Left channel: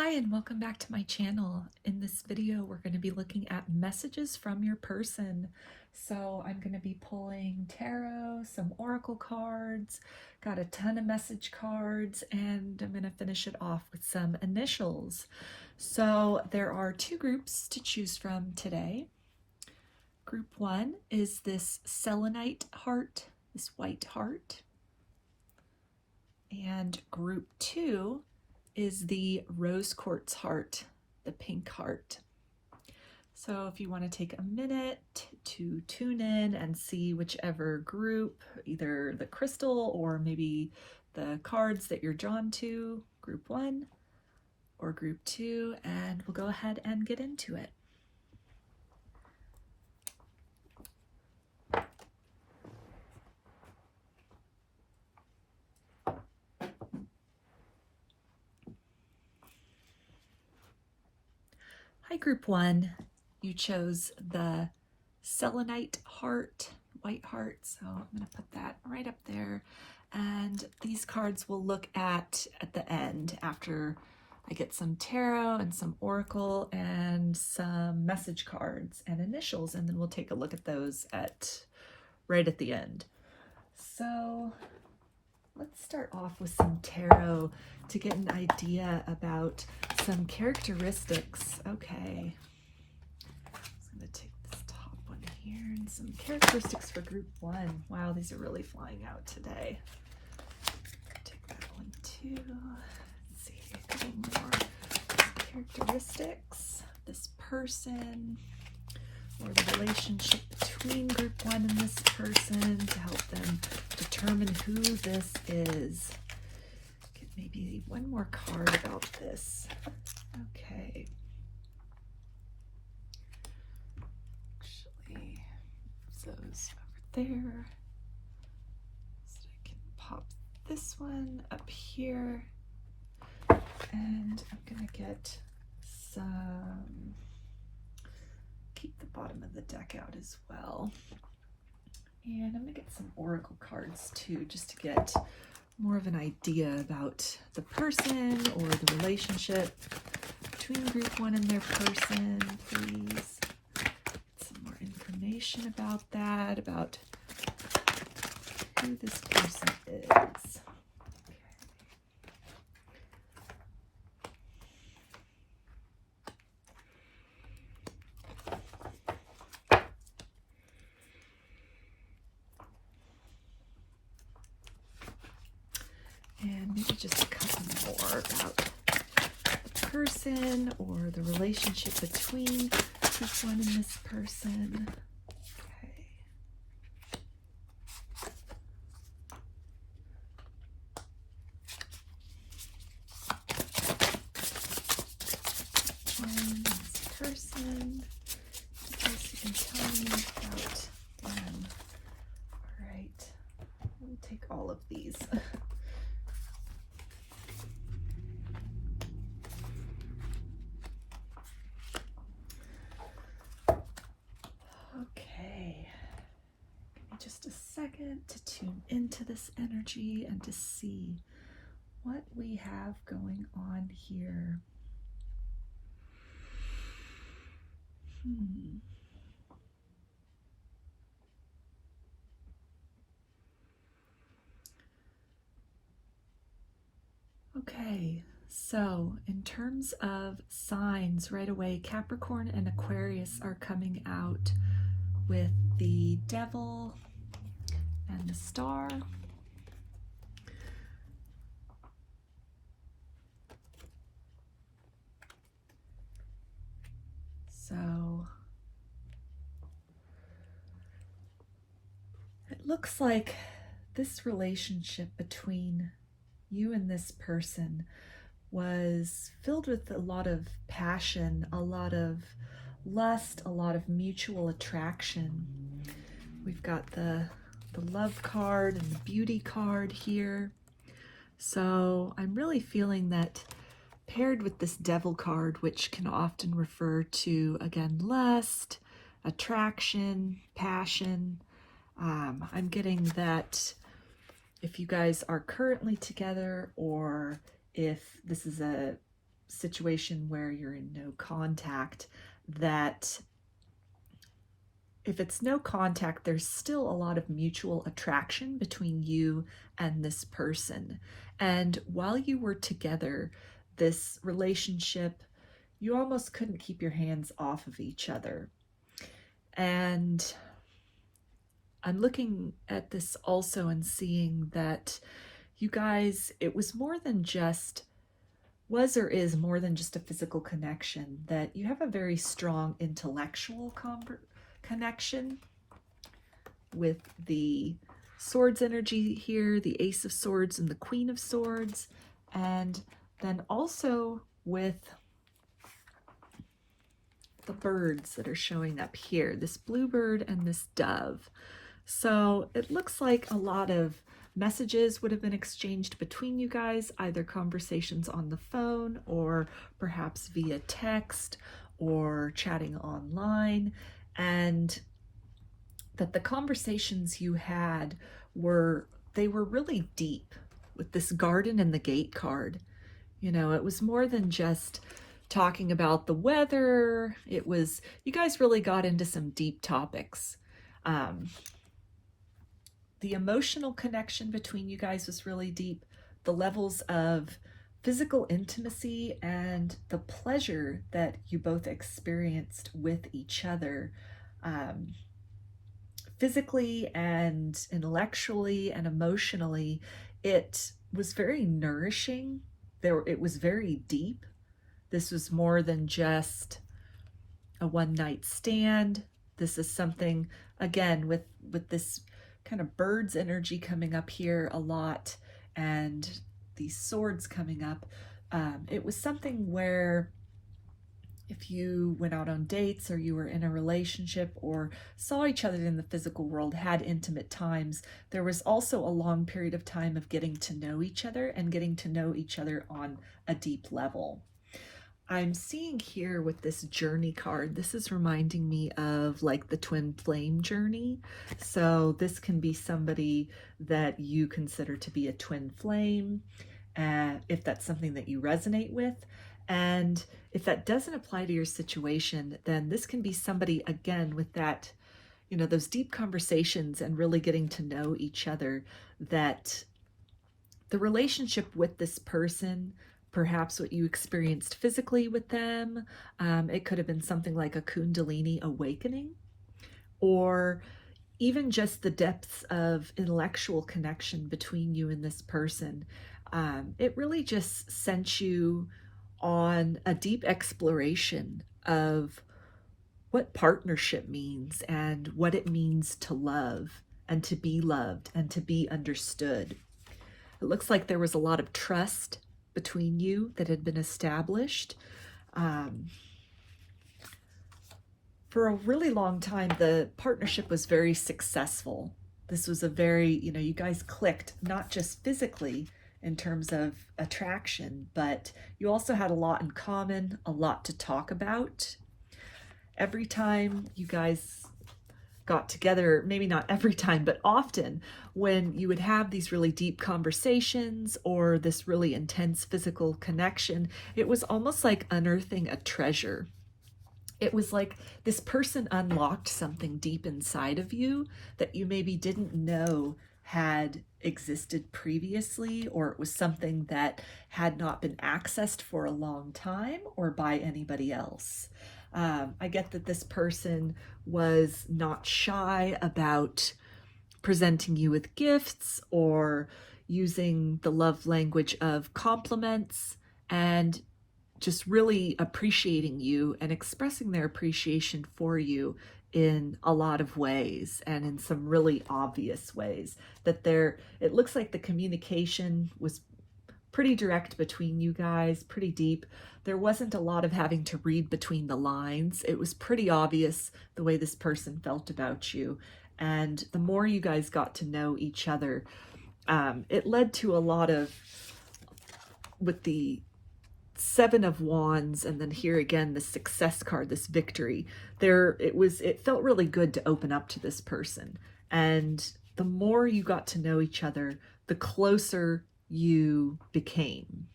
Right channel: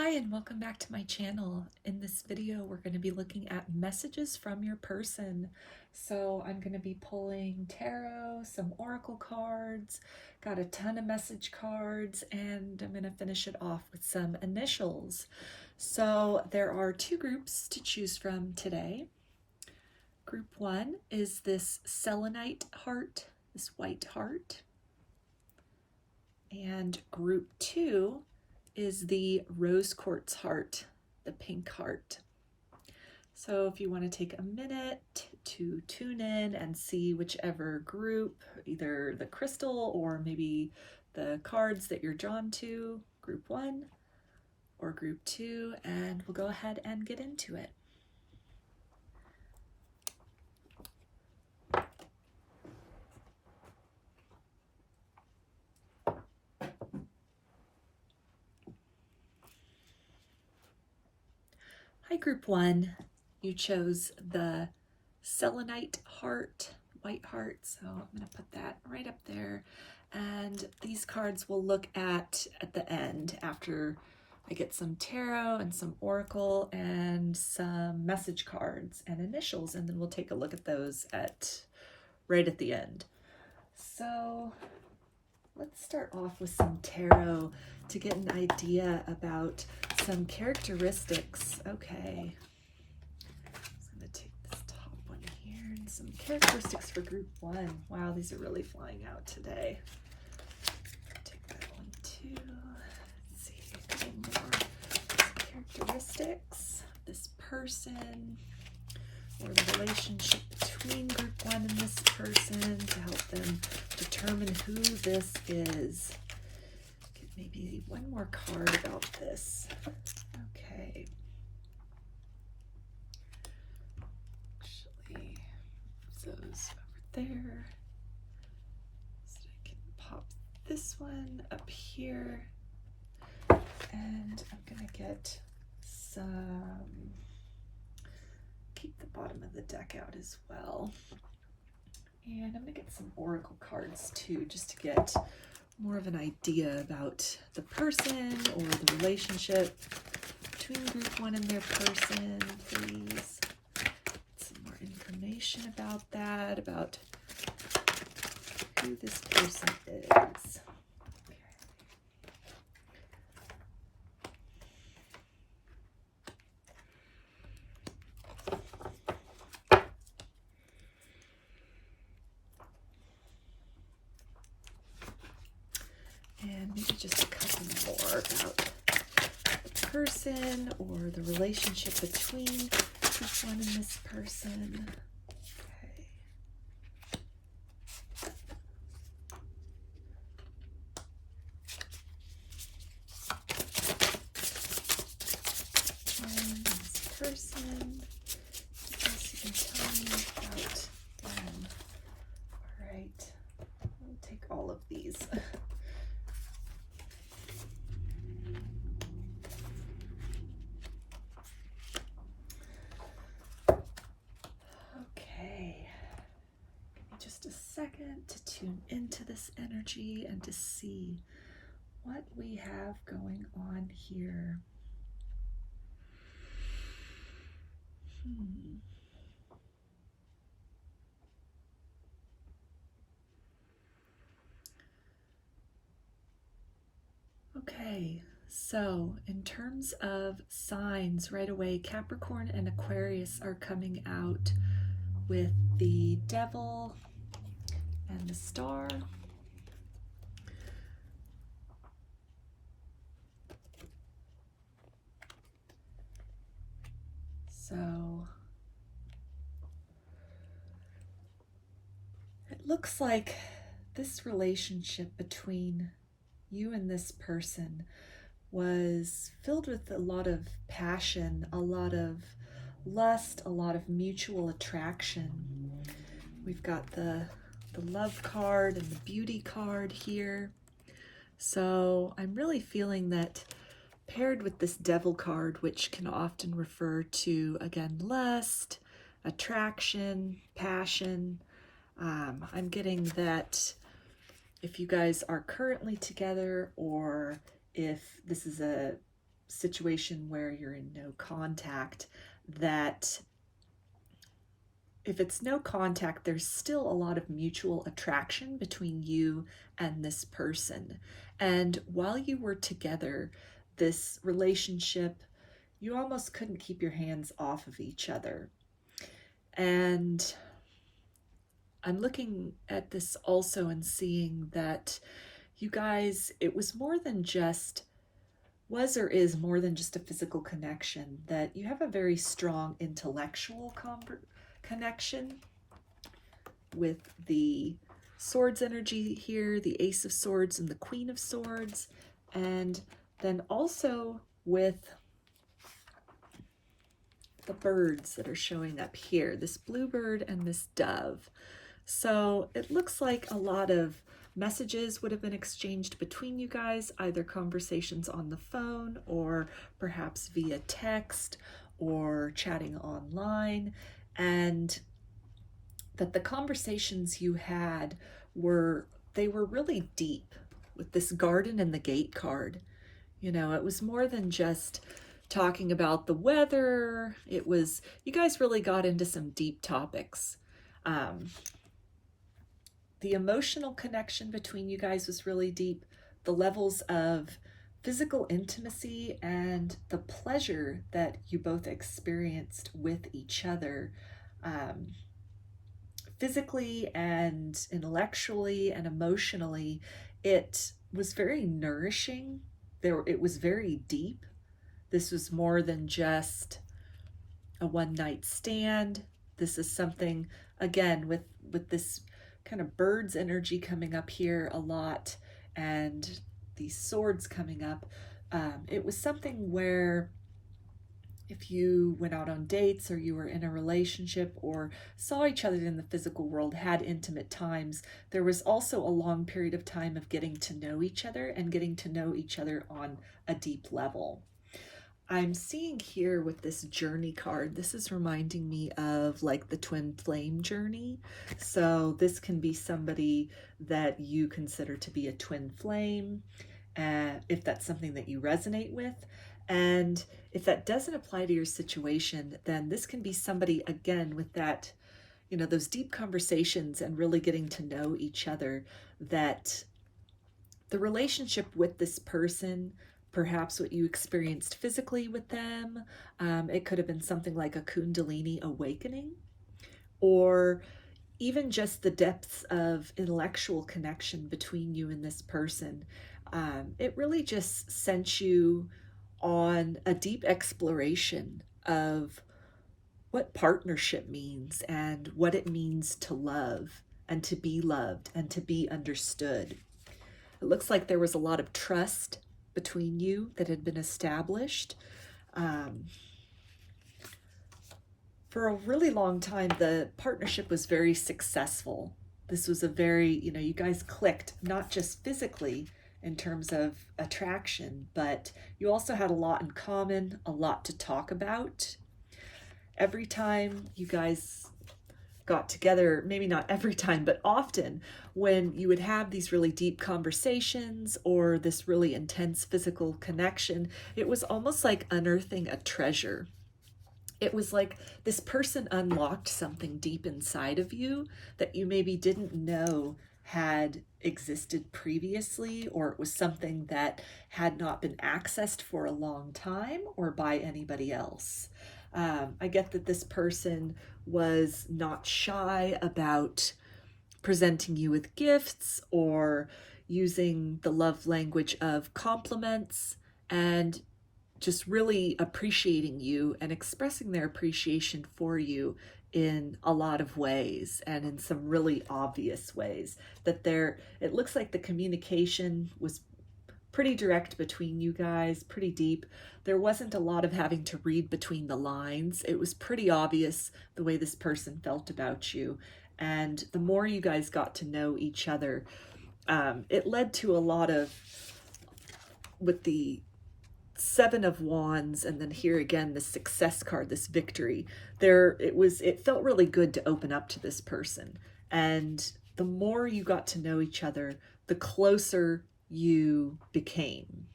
Hi and welcome back to my channel. In this video we're going to be looking at messages from your person. So I'm going to be pulling tarot, some oracle cards, got a ton of message cards, and I'm going to finish it off with some initials. So there are two groups to choose from today. Group one is this Selenite heart, this white heart. And group two is the rose quartz heart, the pink heart. So if you want to take a minute to tune in and see whichever group, either the crystal or maybe the cards that you're drawn to, group one or group two, and we'll go ahead and get into it. Hi, group one. You chose the Selenite heart, white heart, so I'm going to put that right up there. And these cards we'll look at the end after I get some tarot and some oracle and some message cards and initials, and then we'll take a look at those right at the end. So let's start off with some tarot to get an idea about some characteristics. Okay, I'm going to take this top one here and some characteristics for group one. Wow, these are really flying out today. Take that one too. Let's see if there's any more characteristics of this person or the relationship between group one and this person to help them determine who this is. Get maybe one more card about this. Okay. Actually, those over there. So I can pop this one up here. And I'm going to get some, keep the bottom of the deck out as well. And I'm going to get some oracle cards too, just to get more of an idea about the person or the relationship between group one and their person, please. Some more information about that, about who this person is. And maybe just a couple more about the person or the relationship between this one and this person. Okay. This person, what else you can tell me about them? All right, we'll take all of these. Second to tune into this energy and to see what we have going on here. Okay, so in terms of signs, right away, Capricorn and Aquarius are coming out with the Devil and the Star. So it looks like this relationship between you and this person was filled with a lot of passion, a lot of lust, a lot of mutual attraction. We've got the love card and the beauty card here. So I'm really feeling that paired with this devil card, which can often refer to, again, lust, attraction, passion. I'm getting that if you guys are currently together, or if this is a situation where you're in no contact, that if it's no contact, there's still a lot of mutual attraction between you and this person. And while you were together, this relationship, you almost couldn't keep your hands off of each other. And I'm looking at this also and seeing that you guys, it was more than just, was or is more than just a physical connection, that you have a very strong intellectual connection with the Swords energy here, the Ace of Swords and the Queen of Swords, and then also with the birds that are showing up here, this bluebird and this dove. So it looks like a lot of messages would have been exchanged between you guys, either conversations on the phone or perhaps via text or chatting online, and that the conversations you had were really deep with this Garden and the Gate card. You know, it was more than just talking about the weather. It was, you guys really got into some deep topics. The emotional connection between you guys was really deep. The levels of physical intimacy and the pleasure that you both experienced with each other, physically and intellectually and emotionally, it was very nourishing. It was very deep. This was more than just a one-night stand. This is something, again, with this kind of bird's energy coming up here a lot and these swords coming up. It was something where if you went out on dates or you were in a relationship or saw each other in the physical world, had intimate times, there was also a long period of time of getting to know each other and getting to know each other on a deep level. I'm seeing here with this journey card, this is reminding me of like the twin flame journey. So this can be somebody that you consider to be a twin flame, if that's something that you resonate with. And if that doesn't apply to your situation, then this can be somebody, again, with that, you know, those deep conversations and really getting to know each other, that the relationship with this person, perhaps what you experienced physically with them, it could have been something like a Kundalini awakening, or even just the depths of intellectual connection between you and this person. It really just sent you on a deep exploration of what partnership means and what it means to love and to be loved and to be understood. It looks like there was a lot of trust between you that had been established. For a really long time, the partnership was very successful. This was a very, you know, you guys clicked, not just physically in terms of attraction, but you also had a lot in common, a lot to talk about. Every time you guys got together, maybe not every time, but often, when you would have these really deep conversations or this really intense physical connection, it was almost like unearthing a treasure. It was like this person unlocked something deep inside of you that you maybe didn't know had existed previously, or it was something that had not been accessed for a long time or by anybody else. I get that this person was not shy about presenting you with gifts or using the love language of compliments and just really appreciating you and expressing their appreciation for you in a lot of ways and in some really obvious ways. That it looks like the communication was pretty direct between you guys, pretty deep. There wasn't a lot of having to read between the lines. It was pretty obvious the way this person felt about you. And the more you guys got to know each other, it led to a lot of, with the Seven of Wands, and then here again, the success card, this victory. It felt really good to open up to this person. And the more you got to know each other, the closer you became.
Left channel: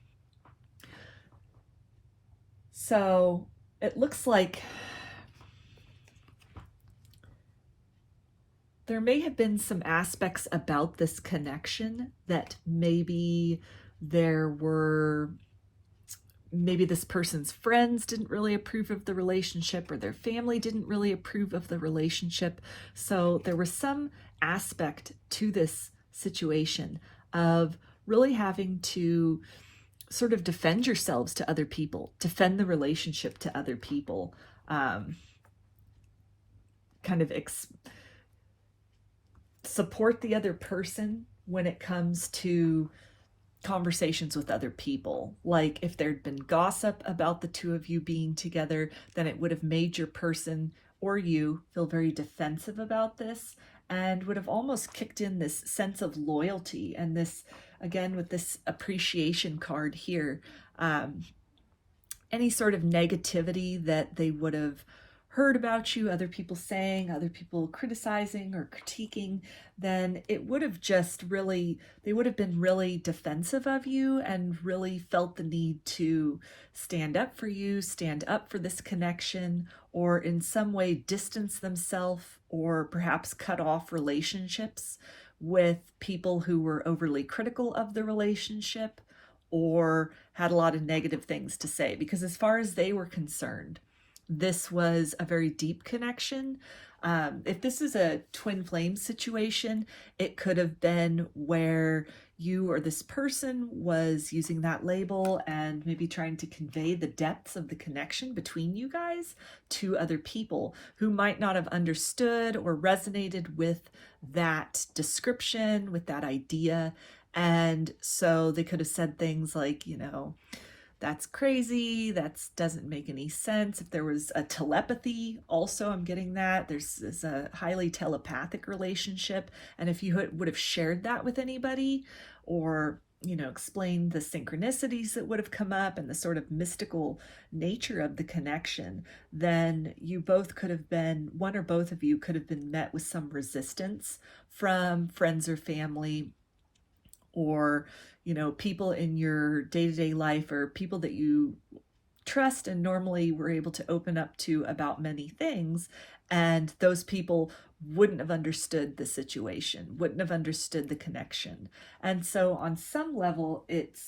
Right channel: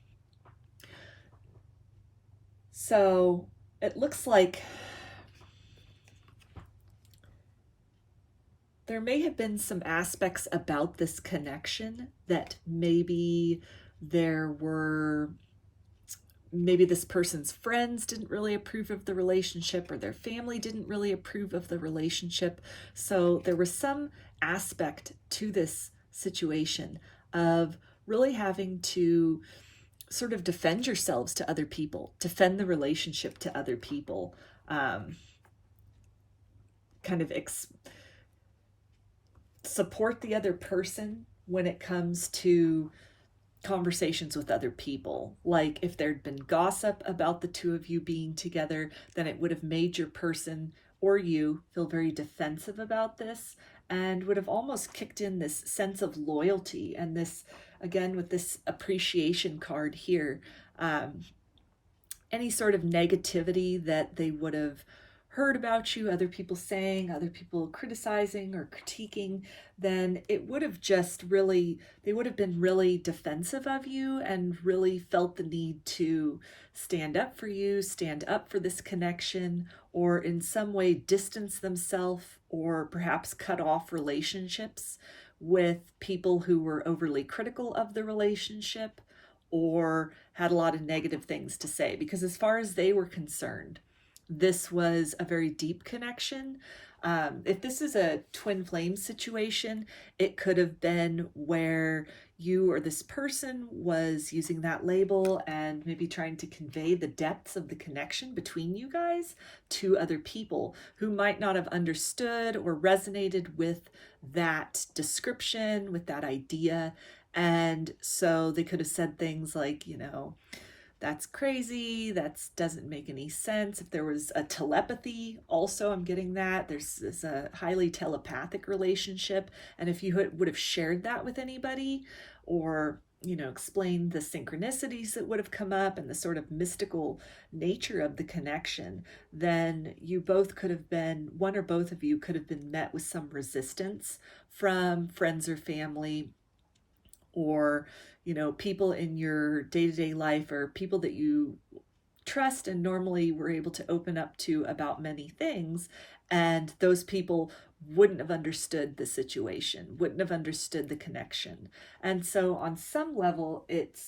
So it looks like there may have been some aspects about this connection that maybe this person's friends didn't really approve of the relationship, or their family didn't really approve of the relationship. So there was some aspect to this situation of really having to sort of defend yourselves to other people, defend the relationship to other people, support the other person when it comes to conversations with other people. Like if there'd been gossip about the two of you being together, then it would have made your person or you feel very defensive about this, and would have almost kicked in this sense of loyalty. And this, again, with this appreciation card here, any sort of negativity that they would have heard about you, other people saying, other people criticizing or critiquing, then it would have just really, they would have been really defensive of you and really felt the need to stand up for you, stand up for this connection, or in some way distance themselves, or perhaps cut off relationships with people who were overly critical of the relationship or had a lot of negative things to say. Because as far as they were concerned, this was a very deep connection. If this is a twin flame situation, it could have been where you or this person was using that label and maybe trying to convey the depths of the connection between you guys to other people who might not have understood or resonated with that description, with that idea. And so they could have said things like, that's crazy, that doesn't make any sense. If there was a telepathy, also I'm getting that. There's a highly telepathic relationship. And if you would have shared that with anybody, or, explained the synchronicities that would have come up and the sort of mystical nature of the connection, then you both could have been, one or both of you could have been met with some resistance from friends or family, or people in your day-to-day life, or people that you trust and normally were able to open up to about many things. And those people wouldn't have understood the situation, wouldn't have understood the connection. And so on some level,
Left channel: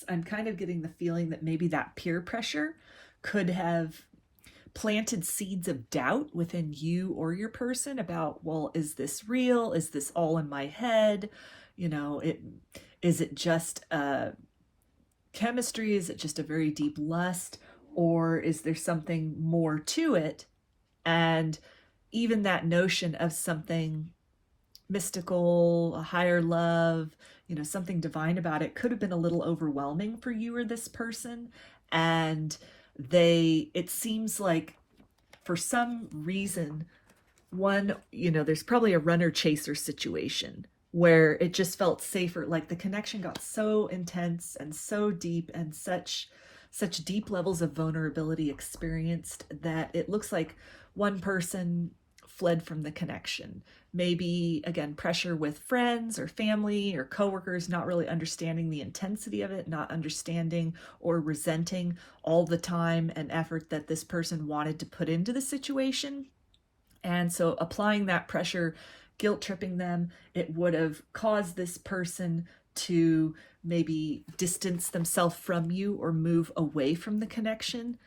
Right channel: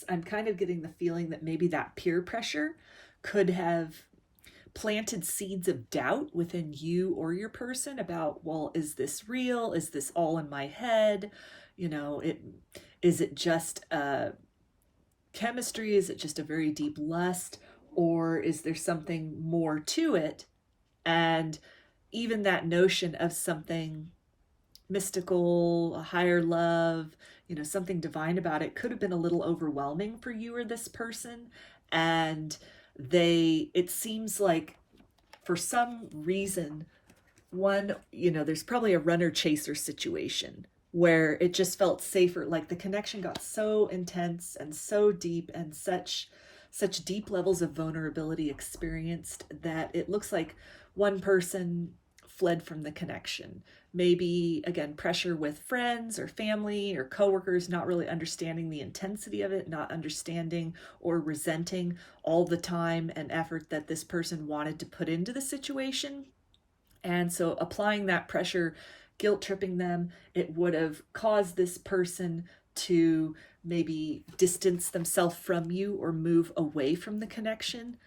I'm kind of getting the feeling that maybe that peer pressure could have planted seeds of doubt within you or your person about, well, is this real? Is this all in my head? Is it just chemistry? Is it just a very deep lust? Or is there something more to it? And even that notion of something mystical, a higher love, something divine about it could have been a little overwhelming for you or this person. And it seems like for some reason, there's probably a runner-chaser situation where it just felt safer. Like the connection got so intense and so deep, and such deep levels of vulnerability experienced, that it looks like one person fled from the connection. Maybe, again, pressure with friends or family or coworkers, not really understanding the intensity of it, not understanding or resenting all the time and effort that this person wanted to put into the situation. And so applying that pressure, guilt tripping them, it would have caused this person to maybe distance themselves from you or move away from the connection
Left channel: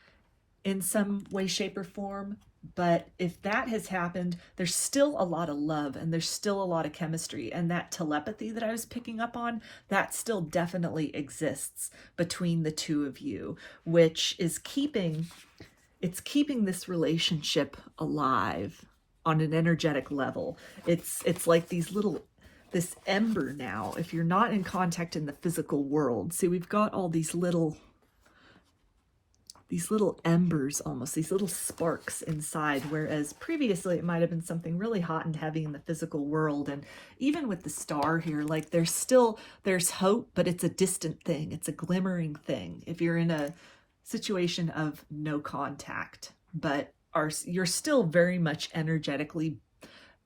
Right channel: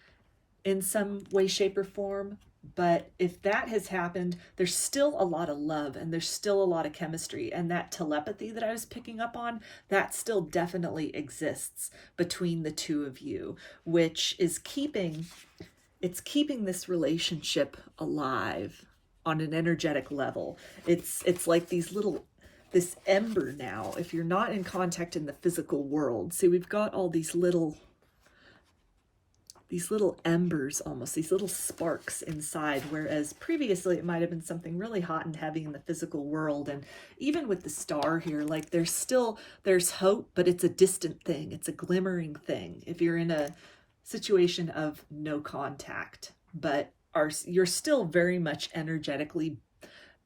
in some way, shape, or form. But if that has happened, there's still a lot of love and there's still a lot of chemistry, and that telepathy that I was picking up on, that still definitely exists between the two of you, which is keeping this relationship alive on an energetic level. It's like this ember now. If you're not in contact in the physical world, see, we've got all these little embers, almost these little sparks inside, whereas previously it might have been something really hot and heavy in the physical world. And even with the star here, like there's hope, but it's a distant thing. It's a glimmering thing if you're in a situation of no contact, but you're still very much energetically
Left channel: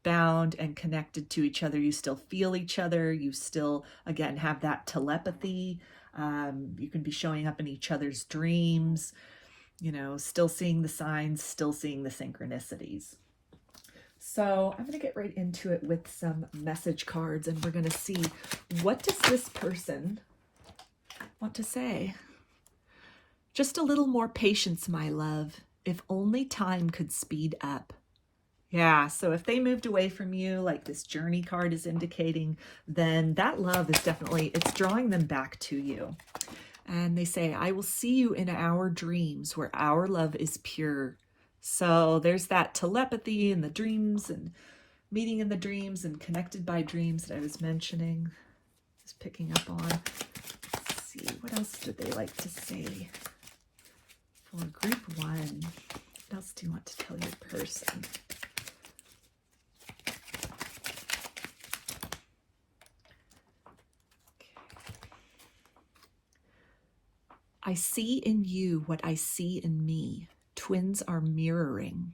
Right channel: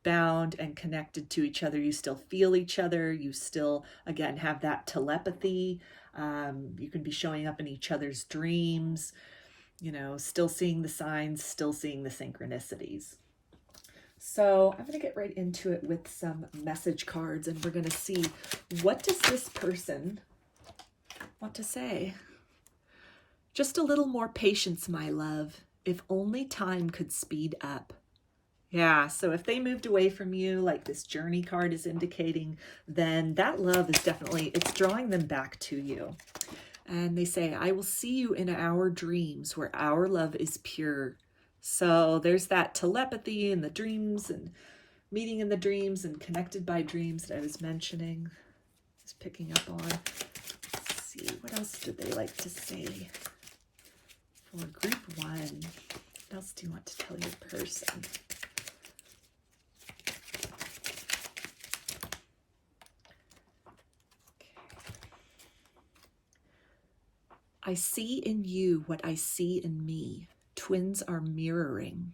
bound and connected to each other. You still feel each other. You still, again, have that telepathy. You can be showing up in each other's dreams. you know, still seeing the signs, still seeing the synchronicities. So I'm going to get right into it with some message cards, and we're going to see, what does this person want to say? Just a little more patience, my love. If only time could speed up. Yeah, so if they moved away from you, like this journey card is indicating, then that love is definitely, it's drawing them back to you. And they say, I will see you in our dreams where our love is pure. So there's that telepathy in the dreams and meeting in the dreams and connected by dreams that I was mentioning. Just picking up on. Let's see, what else do they like to say? For group 1, what else do you want to tell your person? I see in you what I see in me. Twins are mirroring.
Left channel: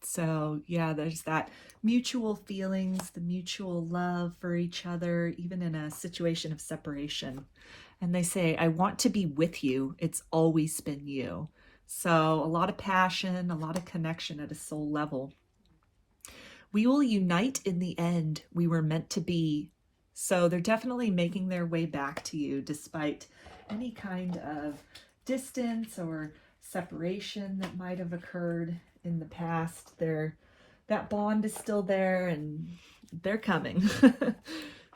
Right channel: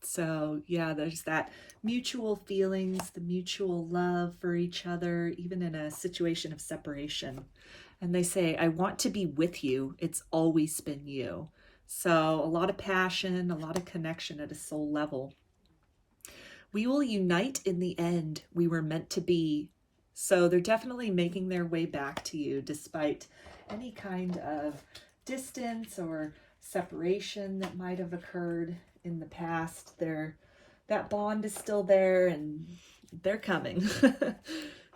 So yeah, there's that mutual feelings, the mutual love for each other, even in a situation of separation. And they say, I want to be with you. It's always been you. So a lot of passion, a lot of connection at a soul level. We will unite in the end. We were meant to be. So they're definitely making their way back to you despite any kind of distance or separation that might have occurred in the past. That bond is still there and they're coming.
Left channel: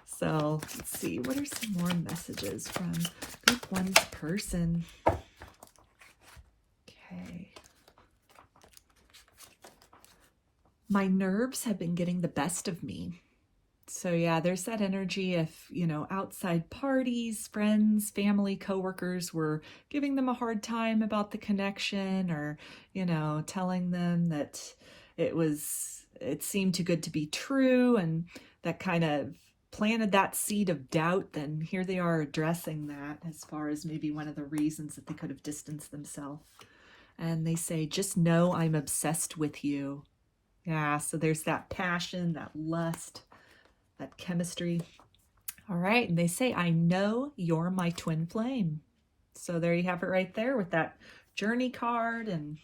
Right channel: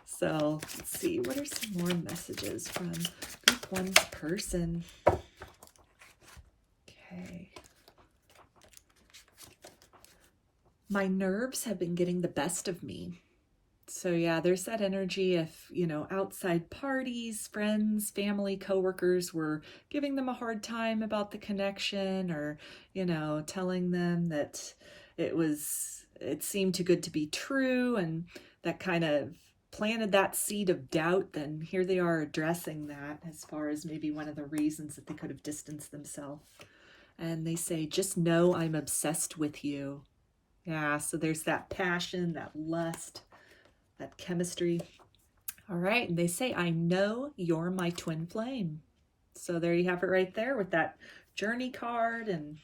So let's see, what are some more messages from group 1's person? Okay. My nerves have been getting the best of me. So yeah, there's that energy if, you know, outside parties, friends, family, coworkers were giving them a hard time about the connection, or, you know, telling them that it seemed too good to be true, and that kind of planted that seed of doubt, then here they are addressing that as far as maybe one of the reasons that they could have distanced themselves. And they say, just know I'm obsessed with you. Yeah, so there's that passion, that lust, that chemistry. All right, and they say, I know you're my twin flame. So there you have it right there with that journey card, and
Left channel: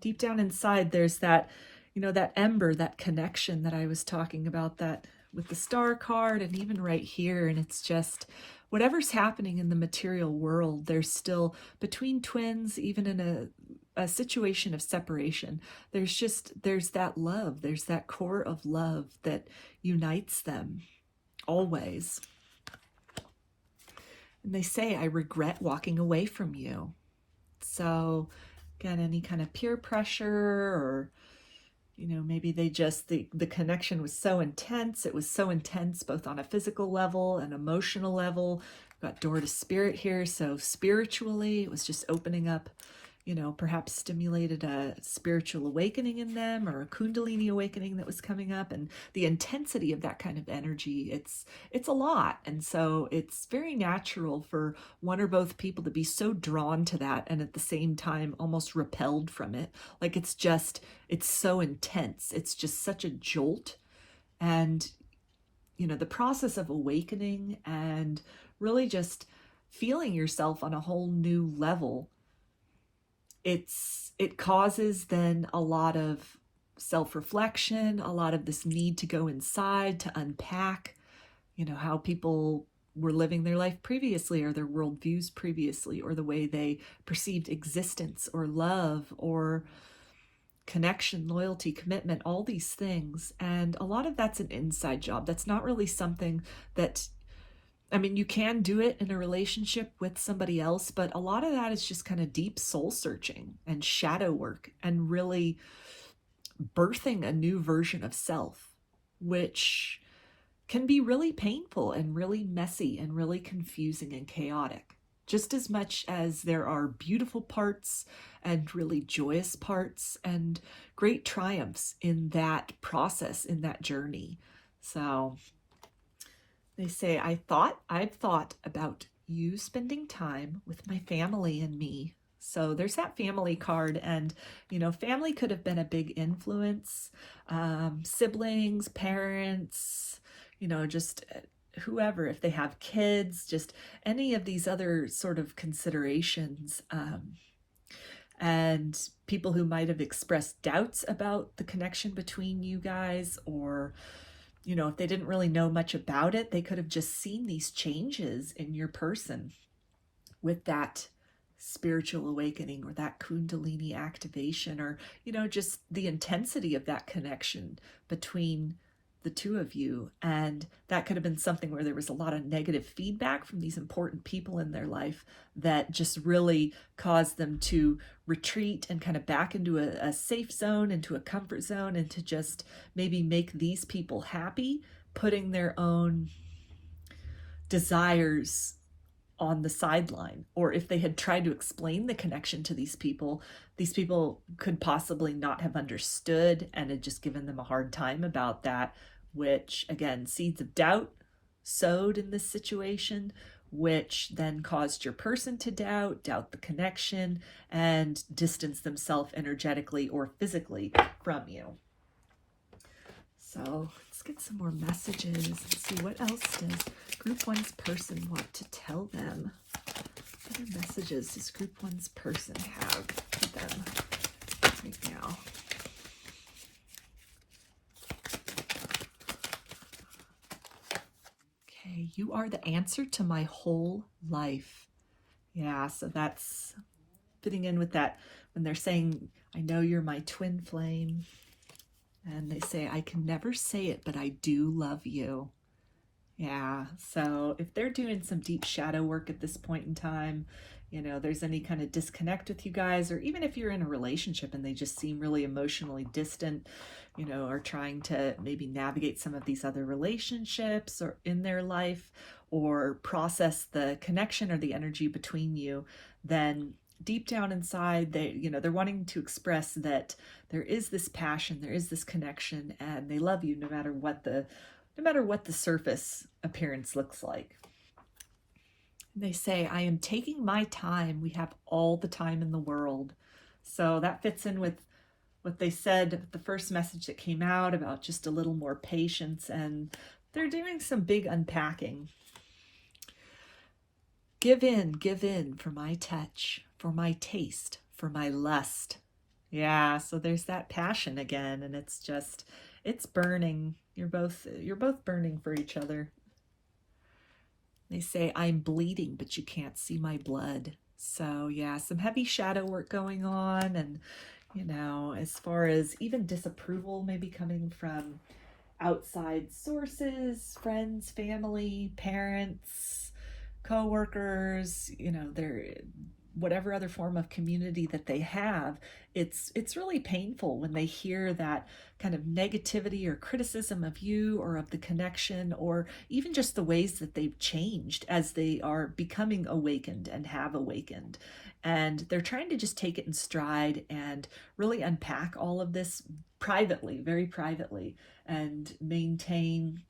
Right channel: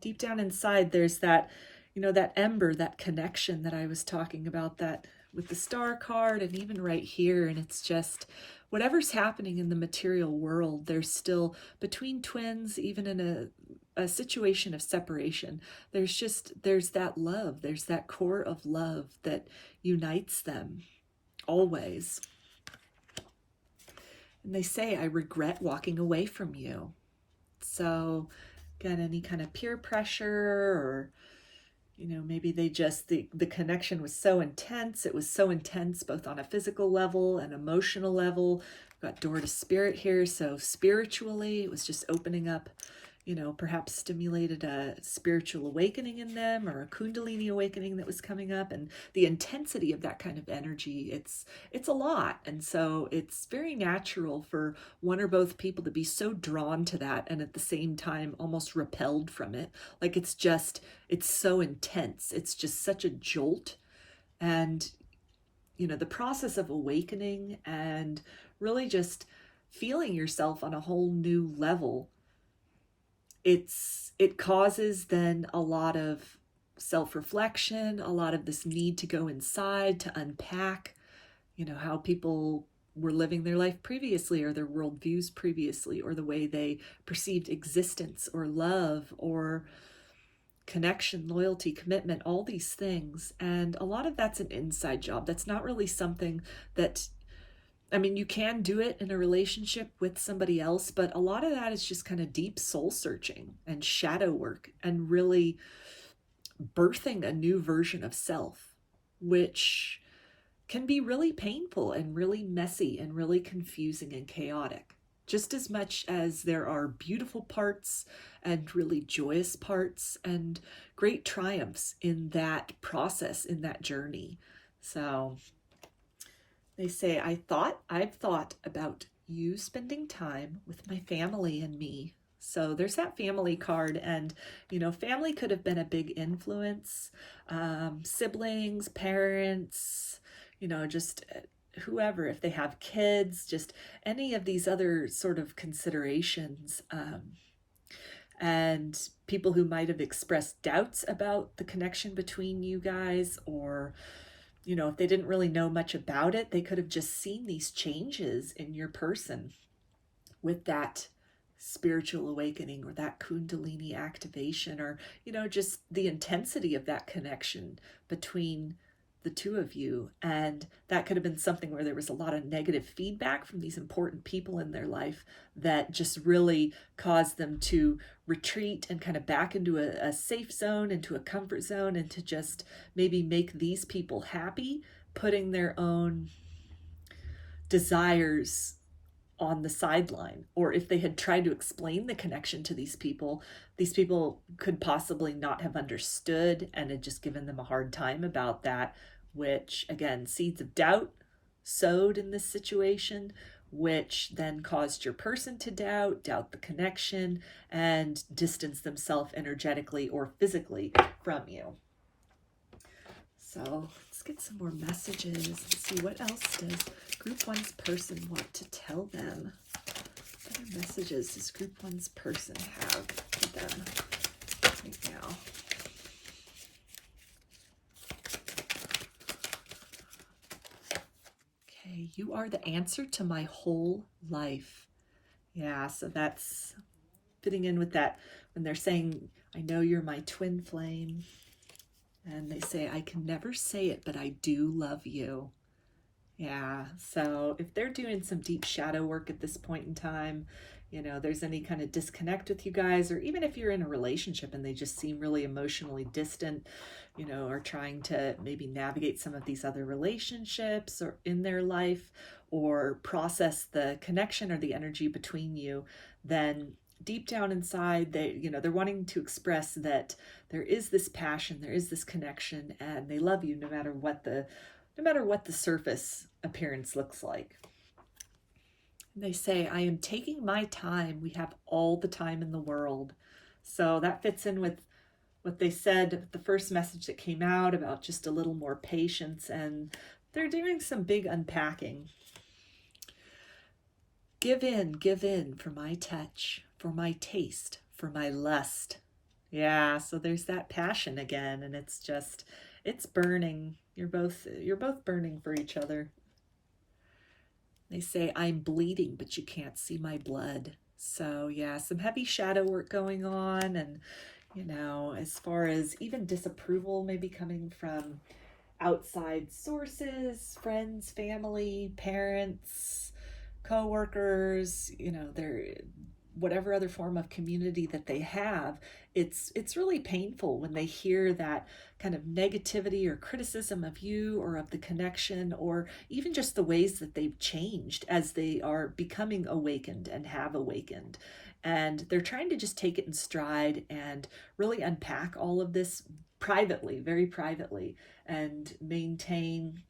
deep down inside there's that, you know, that ember, that connection that I was talking about, that with the star card, and even right here. And it's just whatever's happening in the material world, there's still, between twins, even in a situation of separation, there's that love, there's that core of love that unites them always. And they say, I regret walking away from you. So again, any kind of peer pressure, or, you know, maybe they just, the connection was so intense. It was so intense both on a physical level and emotional level. We've got door to spirit here. So spiritually, it was just opening up, you know, perhaps stimulated a spiritual awakening in them, or a kundalini awakening that was coming up. And the intensity of that kind of energy, it's a lot. And so it's very natural for one or both people to be so drawn to that, and at the same time almost repelled from it. Like it's so intense. It's just such a jolt. And, you know, the process of awakening and really just feeling yourself on a whole new level, it causes then a lot of self-reflection, a lot of this need to go inside, to unpack, you know, how people were living their life previously, or their worldviews previously, or the way they perceived existence or love or connection, loyalty, commitment, all these things. And a lot of that's an inside job. That's not really something that, I mean, you can do it in a relationship with somebody else, but a lot of that is just kind of deep soul searching and shadow work, and really birthing a new version of self, which can be really painful and really messy and really confusing and chaotic. Just as much as there are beautiful parts and really joyous parts and great triumphs in that process, in that journey. So they say, I've thought about you spending time with my family and me. So there's that family card, and, you know, family could have been a big influence. Siblings, parents, you know, just whoever, if they have kids, just any of these other sort of considerations. and people who might have expressed doubts about the connection between you guys, or if they didn't really know much about it, they could have just seen these changes in your person with that spiritual awakening or that kundalini activation, or just the intensity of that connection between the two of you. And that could have been something where there was a lot of negative feedback from these important people in their life that just really caused them to retreat and kind of back into a safe zone, into a comfort zone, and to just maybe make these people happy, putting their own desires on the sideline. Or if they had tried to explain the connection to these people could possibly not have understood and had just given them a hard time about that, which again, seeds of doubt sowed in this situation, which then caused your person to doubt the connection, and distance themselves energetically or physically from you. So let's get some more messages and see what else does Group 1's person want to tell them. What other messages does Group 1's person have for them right now? Okay, you are the answer to my whole life. Yeah, so that's fitting in with that when they're saying, I know you're my twin flame. And they say, I can never say it, but I do love you. Yeah, so if they're doing some deep shadow work at this point in time, there's any kind of disconnect with you guys, or even if you're in a relationship and they just seem really emotionally distant, are trying to maybe navigate some of these other relationships or in their life, or process the connection or the energy between you, then deep down inside, they're wanting to express that there is this passion, there is this connection, and they love you no matter what the surface appearance looks like. And they say, I am taking my time. We have all the time in the world. So that fits in with what they said, the first message that came out about just a little more patience, and they're doing some big unpacking. Give in for my touch, for my taste, for my lust. Yeah, so there's that passion again, and it's burning. You're both burning for each other. They say, I'm bleeding, but you can't see my blood. So yeah, some heavy shadow work going on, and as far as even disapproval maybe coming from outside sources, friends, family, parents, co-workers, they're whatever other form of community that they have, it's really painful when they hear that kind of negativity or criticism of you or of the connection, or even just the ways that they've changed as they are becoming awakened and have awakened. And they're trying to just take it in stride and really unpack all of this privately, very privately, and maintain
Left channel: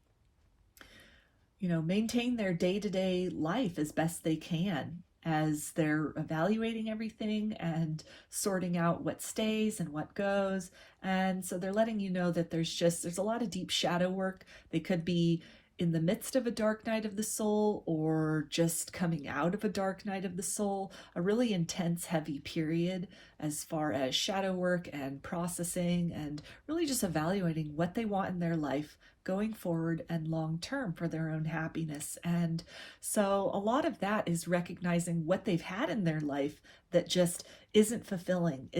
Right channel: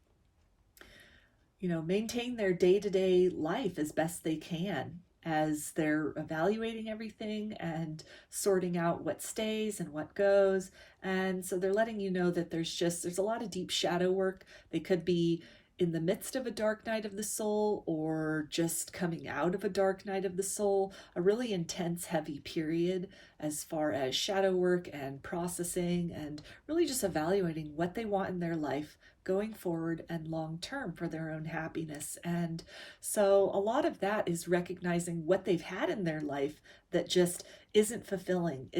their day-to-day life as best they can as they're evaluating everything and sorting out what stays and what goes. And so they're letting you know that there's a lot of deep shadow work. They could be in the midst of a dark night of the soul, or just coming out of a dark night of the soul, a really intense, heavy period as far as shadow work and processing, and really just evaluating what they want in their life going forward and long term for their own happiness. And so a lot of that is recognizing what they've had in their life that just isn't fulfilling,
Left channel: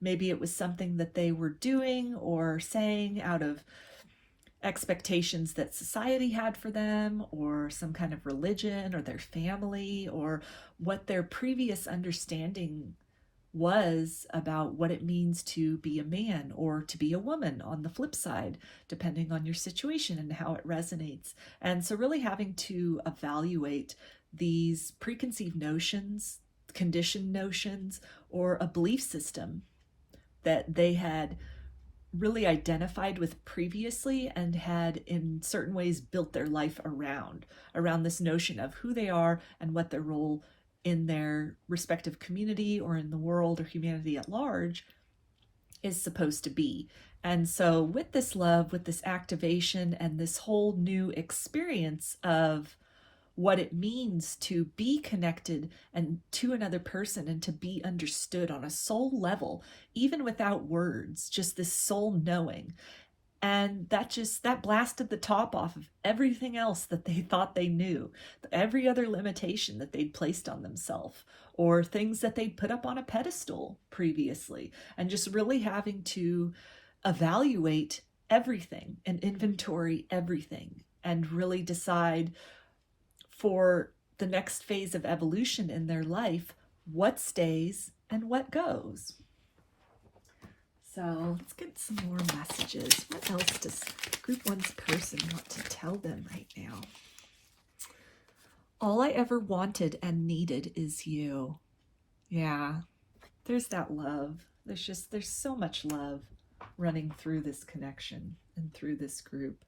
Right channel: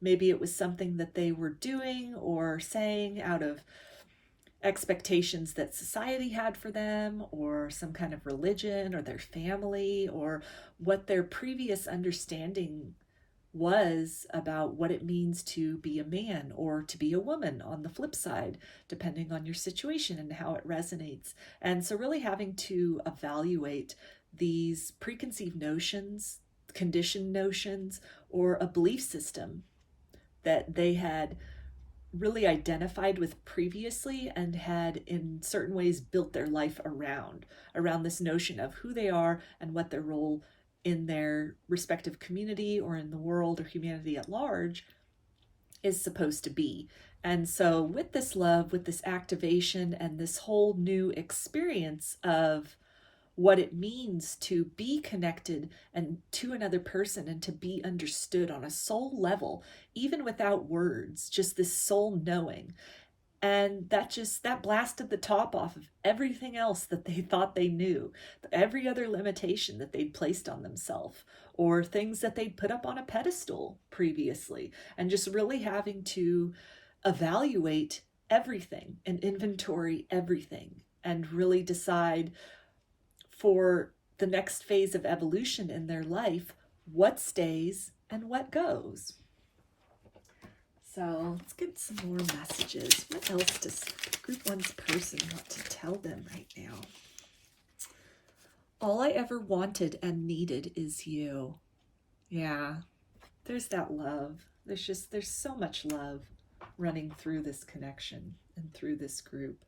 maybe it was something that they were doing or saying out of expectations that society had for them, or some kind of religion or their family, or what their previous understanding was about what it means to be a man or to be a woman on the flip side, depending on your situation and how it resonates. And so really having to evaluate these preconceived notions, conditioned notions, or a belief system that they had really identified with previously and had in certain ways built their life around this notion of who they are and what their role in their respective community or in the world or humanity at large is supposed to be. And so with this love, with this activation and this whole new experience of what it means to be connected and to another person and to be understood on a soul level, even without words, just this soul knowing. And that blasted the top off of everything else that they thought they knew, every other limitation that they'd placed on themselves, or things that they'd put up on a pedestal previously, and just really having to evaluate everything and inventory everything and really decide for the next phase of evolution in their life what stays and what goes. So let's get some more messages. What else does Group 1's person want to tell them right now? All I ever wanted and needed is you. Yeah, there's that love. There's so much love running through this connection and through this group.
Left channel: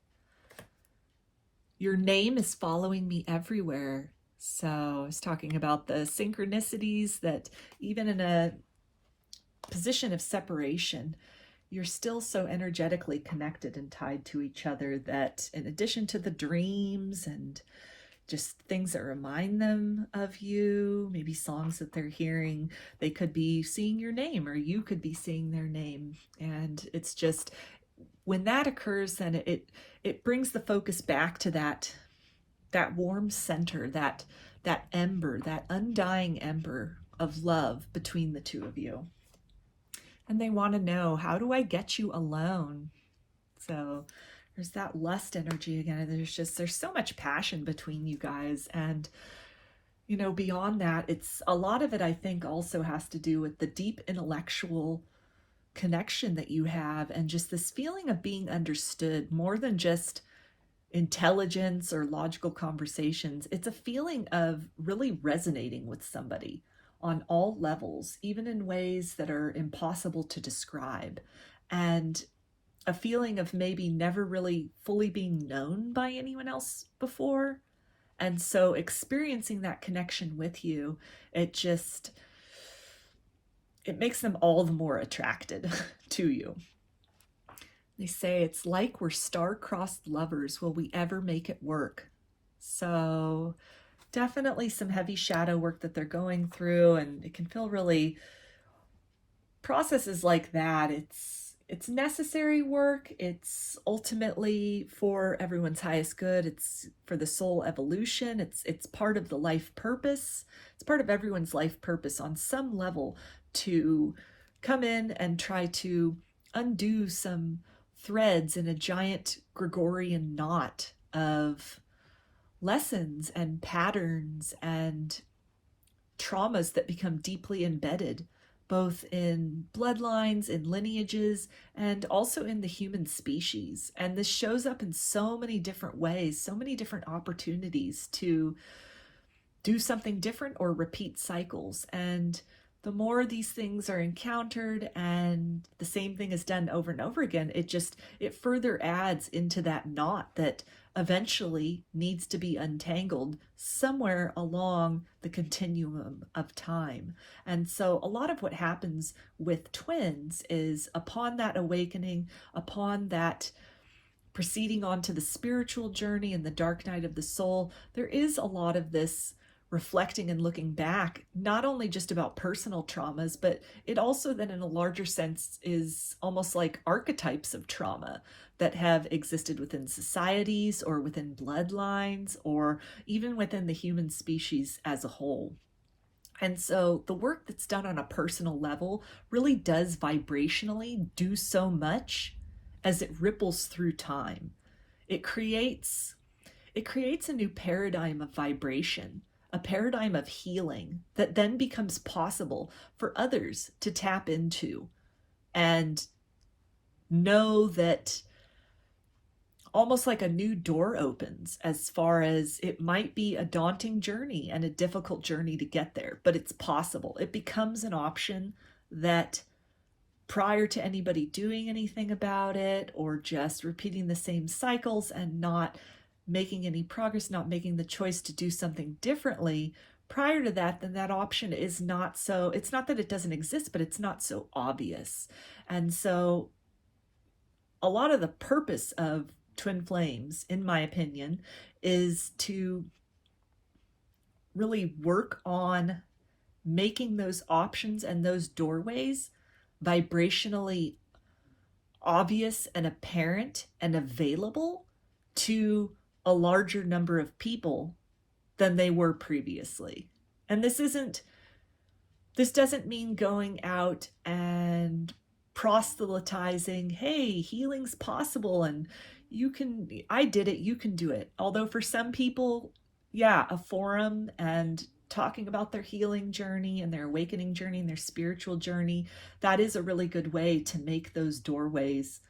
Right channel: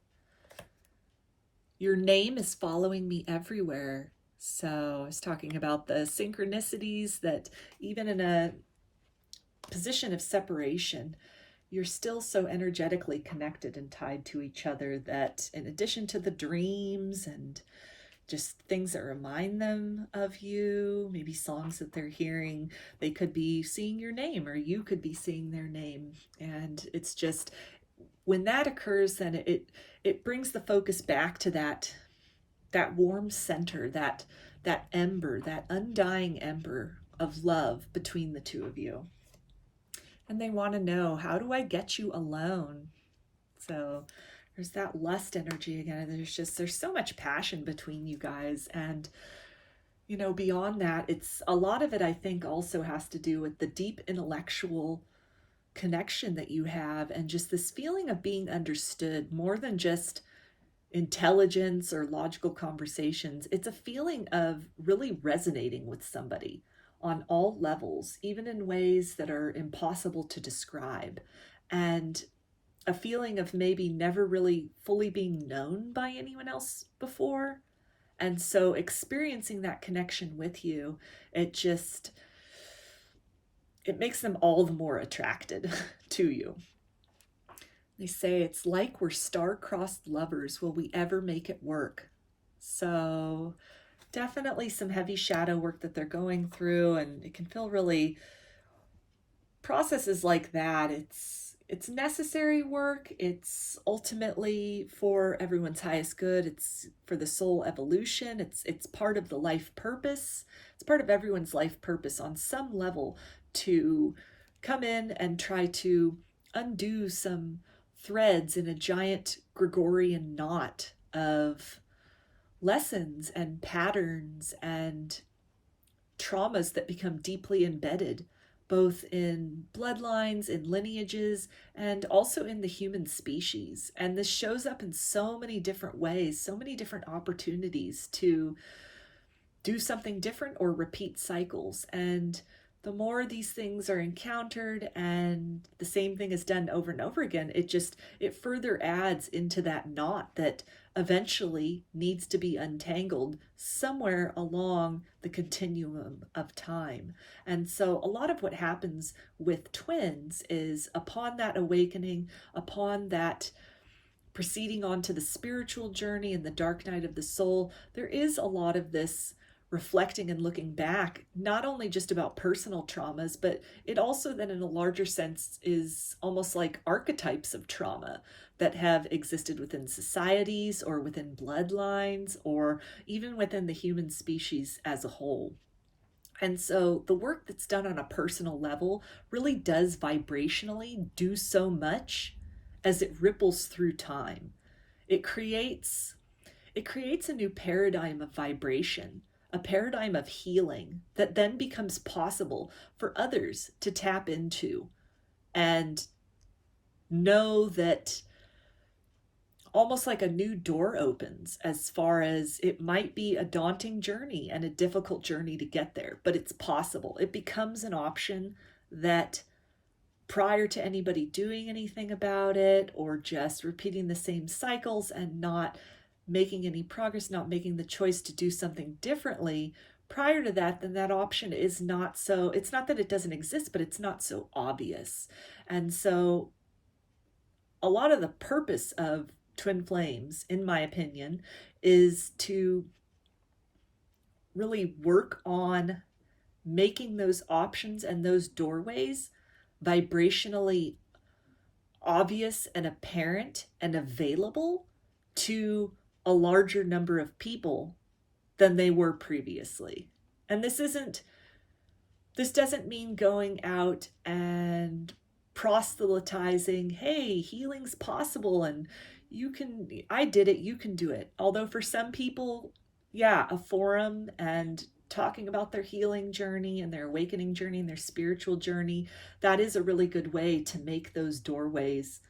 Your name is following me everywhere. So I was talking about the synchronicities that even in a position of separation, you're still so energetically connected and tied to each other that in addition to the dreams and just things that remind them of you, maybe songs that they're hearing, they could be seeing your name or you could be seeing their name. And it's just, when that occurs, then it brings the focus back to that warm center, that ember, that undying ember of love between the two of you. And they want to know, how do I get you alone? So there's that lust energy again. There's so much passion between you guys. And, you know, beyond that, it's a lot of it, I think, also has to do with the deep intellectual connection that you have and just this feeling of being understood more than just intelligence or logical conversations. It's a feeling of really resonating with somebody on all levels, even in ways that are impossible to describe, and a feeling of maybe never really fully being known by anyone else before. And so experiencing that connection with you, it makes them all the more attracted to you. They say it's like we're star-crossed lovers. Will we ever make it work? So definitely some heavy shadow work that they're going through, and it can feel really, processes like that, it's necessary work. It's ultimately for everyone's highest good. It's for the soul evolution. It's part of the life purpose. It's part of everyone's life purpose on some level to come in and try to undo some threads in a giant Gregorian knot of lessons and patterns and traumas that become deeply embedded, both in bloodlines, in lineages, and also in the human species. And this shows up in so many different ways, so many different opportunities to do something different or repeat cycles. And the more these things are encountered and the same thing is done over and over again, it further adds into that knot that eventually needs to be untangled somewhere along the continuum of time. And so a lot of what happens with twins is upon that awakening, upon that proceeding on to the spiritual journey and the dark night of the soul, there is a lot of this reflecting and looking back, not only just about personal traumas, but it also then in a larger sense is almost like archetypes of trauma that have existed within societies or within bloodlines or even within the human species as a whole. And so the work that's done on a personal level really does vibrationally do so much as it ripples through time. It creates a new paradigm of vibration, a paradigm of healing that then becomes possible for others to tap into and know that almost like a new door opens, as far as it might be a daunting journey and a difficult journey to get there, but it's possible. It becomes an option that prior to anybody doing anything about it or just repeating the same cycles and not making any progress, not making the choice to do something differently, prior to that, then that option is not so, it's not that it doesn't exist, but it's not so obvious. And so a lot of the purpose of Twin Flames, in my opinion, is to really work on making those options and those doorways vibrationally obvious and apparent and available to a larger number of people than they were previously. And this doesn't mean going out and proselytizing, hey, healing's possible and I did it, you can do it. Although for some people, yeah, a forum and talking about their healing journey and their awakening journey and their spiritual journey, that is a really good way to make those doorways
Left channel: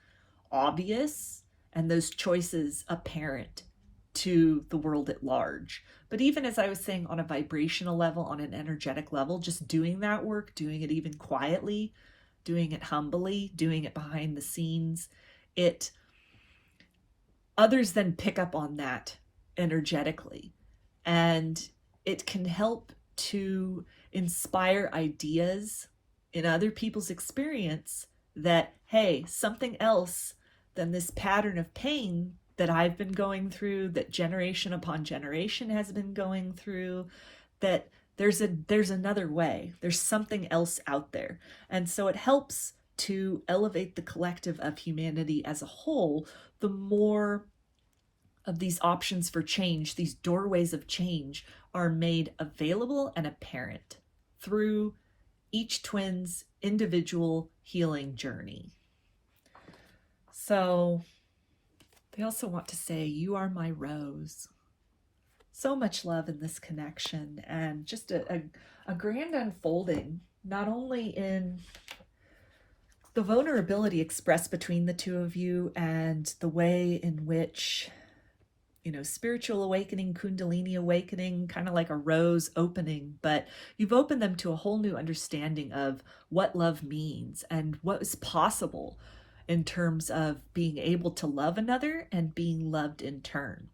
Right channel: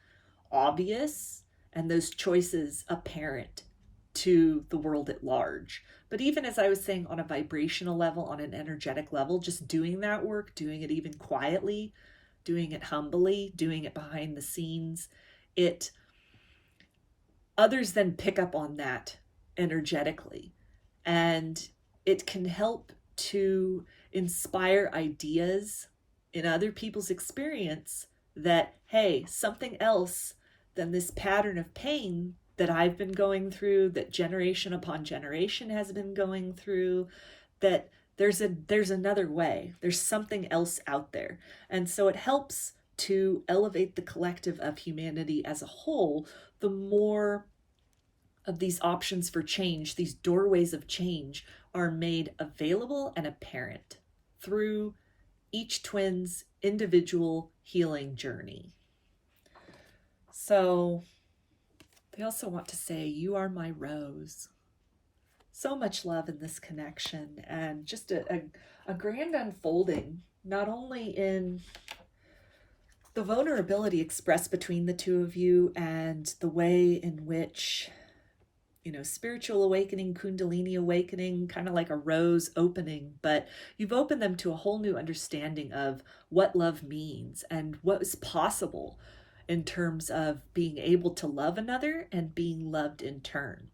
obvious and those choices apparent to the world at large. But even as I was saying, on a vibrational level, on an energetic level, just doing that work, doing it even quietly, doing it humbly, doing it behind the scenes, others then pick up on that energetically. And it can help to inspire ideas in other people's experience that, hey, something else than this pattern of pain that I've been going through, that generation upon generation has been going through, that there's another way. There's something else out there. And so it helps to elevate the collective of humanity as a whole, the more of these options for change, these doorways of change, are made available and apparent through each twin's individual healing journey. So they also want to say, you are my rose. So much love in this connection, and just a grand unfolding, not only in the vulnerability expressed between the two of you and the way in which, spiritual awakening, Kundalini awakening, kind of like a rose opening, but you've opened them to a whole new understanding of what love means and what is possible in terms of being able to love another and being loved in turn.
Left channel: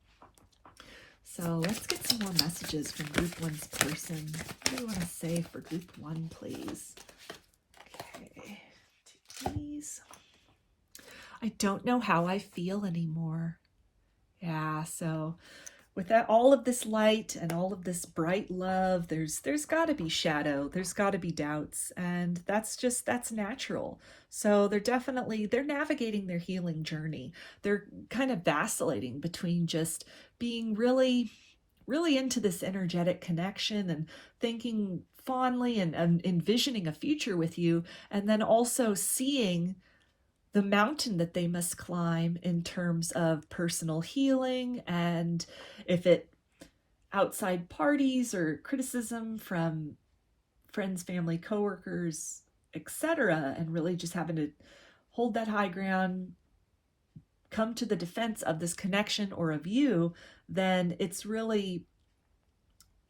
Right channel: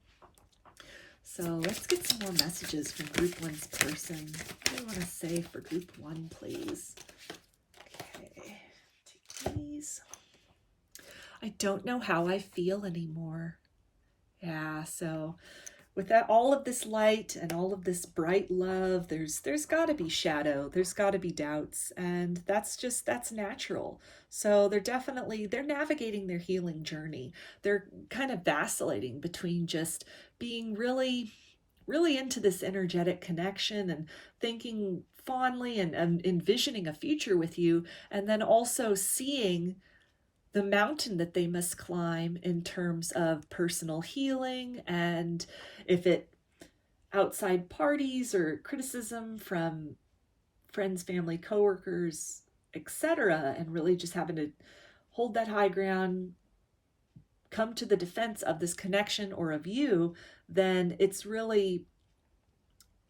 So let's get some more messages from group 1's person. What do you want to say for group 1, please? Okay, please. I don't know how I feel anymore. Yeah, so with that, all of this light and all of this bright love, there's got to be shadow, there's got to be doubts, and that's natural. So they're navigating their healing journey. They're kind of vacillating between just being really, really into this energetic connection and thinking fondly and envisioning a future with you, and then also seeing the mountain that they must climb in terms of personal healing, and if it outside parties or criticism from friends, family, coworkers, etc., and really just having to hold that high ground, come to the defense of this connection or of you, then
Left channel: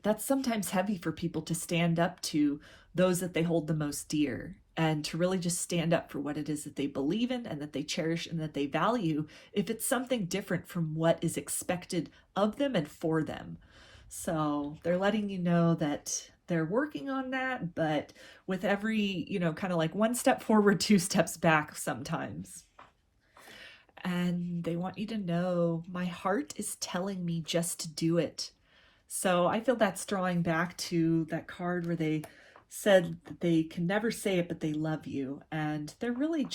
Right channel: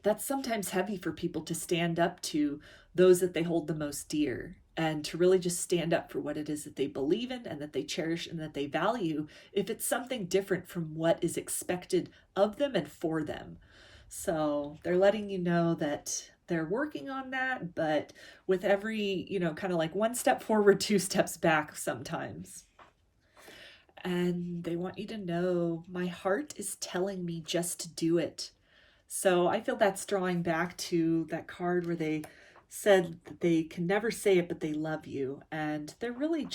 that's sometimes heavy for people to stand up to those that they hold the most dear, and to really just stand up for what it is that they believe in and that they cherish and that they value, if it's something different from what is expected of them and for them. So they're letting you know that they're working on that, but with every, kind of like one step forward, 2 steps back sometimes. And they want you to know, my heart is telling me just to do it. So I feel that's drawing back to that card where they said that they can never say it, but they love you. And they're really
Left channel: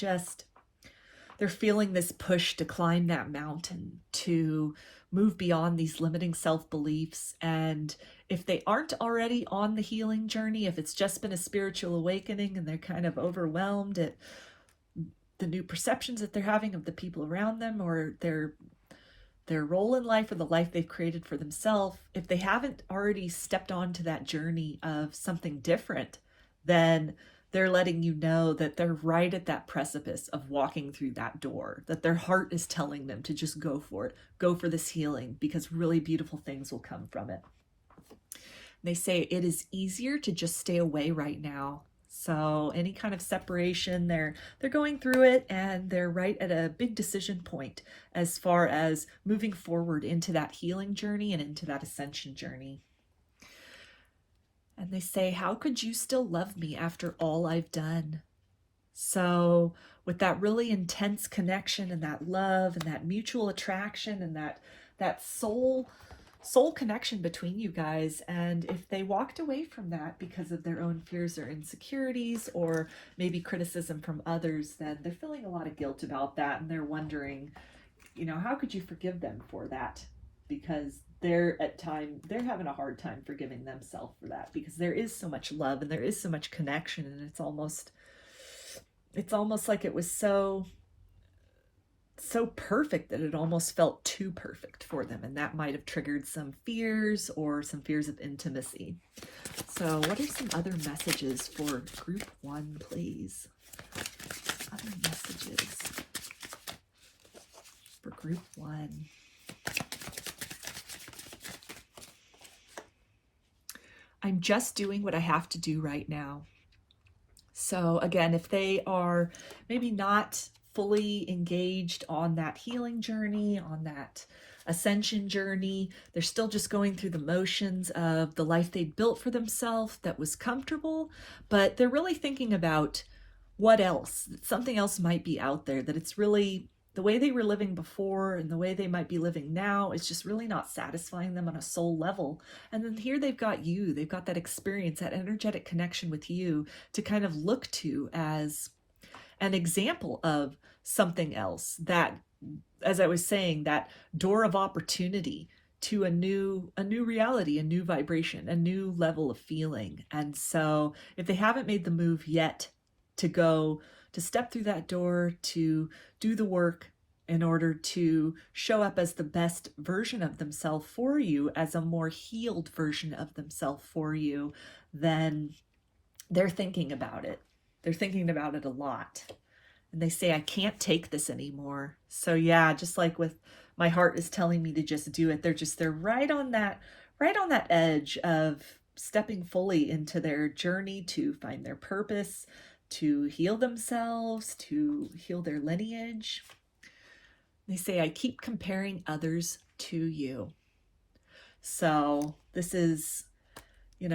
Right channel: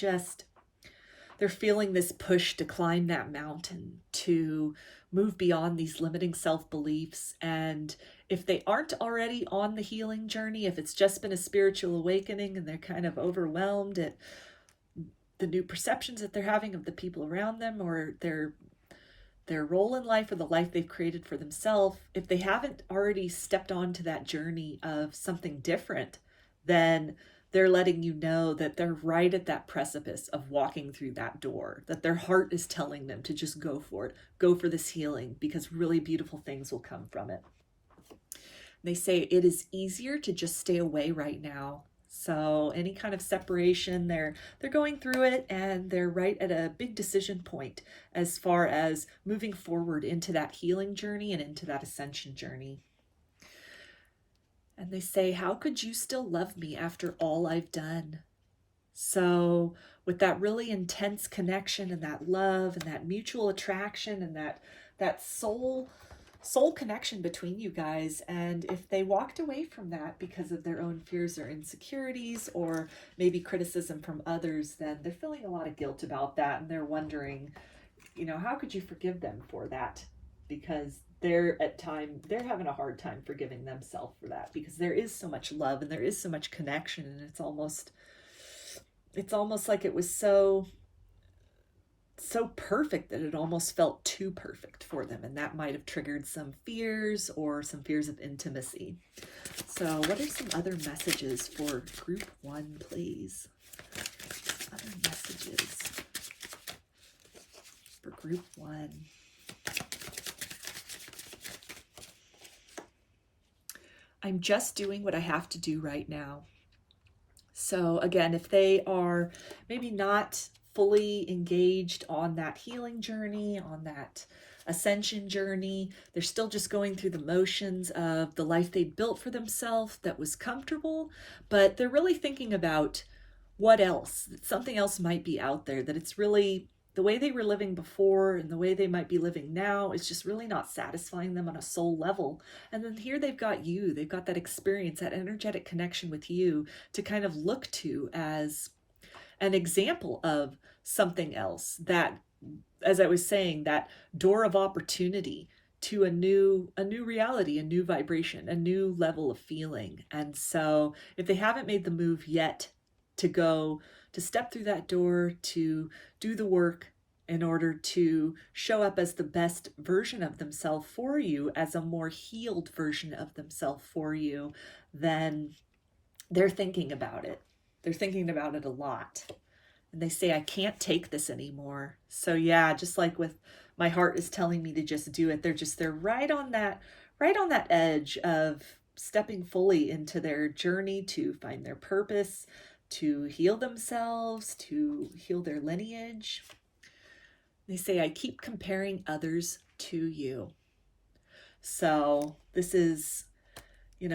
they're feeling this push to climb that mountain, to move beyond these limiting self-beliefs. And if they aren't already on the healing journey, if it's just been a spiritual awakening and they're kind of overwhelmed at the new perceptions that they're having of the people around them, or their role in life, or the life they've created for themselves, if they haven't already stepped onto that journey of something different, then they're letting you know that they're right at that precipice of walking through that door, that their heart is telling them to just go for it, go for this healing, because really beautiful things will come from it. They say it is easier to just stay away right now. So any kind of separation, they're going through it, and they're right at a big decision point as far as moving forward into that healing journey and into that ascension journey. And they say, how could you still love me after all I've done? So with that really intense connection and that love and that mutual attraction and that soul soul connection between you guys. And if they walked away from that because of their own fears or insecurities, or maybe criticism from others, then they're feeling a lot of guilt about that. And they're wondering, you know, how could you forgive them for that? Because they're having a hard time forgiving themselves for that, because there is so much love and there is so much connection, and it's almost like it was so perfect that it almost felt too perfect for them, and that might have triggered some fears or some fears of intimacy. So what are some other messages for group 1, please? Other messages for group 1. I'm just doing what I have to do right now. So again, if they are maybe not fully engaged on that healing journey, on that ascension journey, they're still just going through the motions of the life they built for themselves that was comfortable, but they're really thinking about what else, something else might be out there, that it's really the way they were living before and the way they might be living now is just really not satisfying them on a soul level. And then here they've got you, they've got that experience, that energetic connection with you to kind of look to as an example of something else, that, as I was saying, that door of opportunity to a new reality, a new vibration, a new level of feeling. And so if they haven't made the move yet to step through that door, to do the work in order to show up as the best version of themselves for you, as a more healed version of themselves for you, then they're thinking about it. They're thinking about it a lot. And they say, I can't take this anymore. So yeah, just like with my heart is telling me to just do it, they're right on that edge of stepping fully into their journey to find their purpose, to heal themselves, to heal their lineage. They say, I keep comparing others to you. So this is,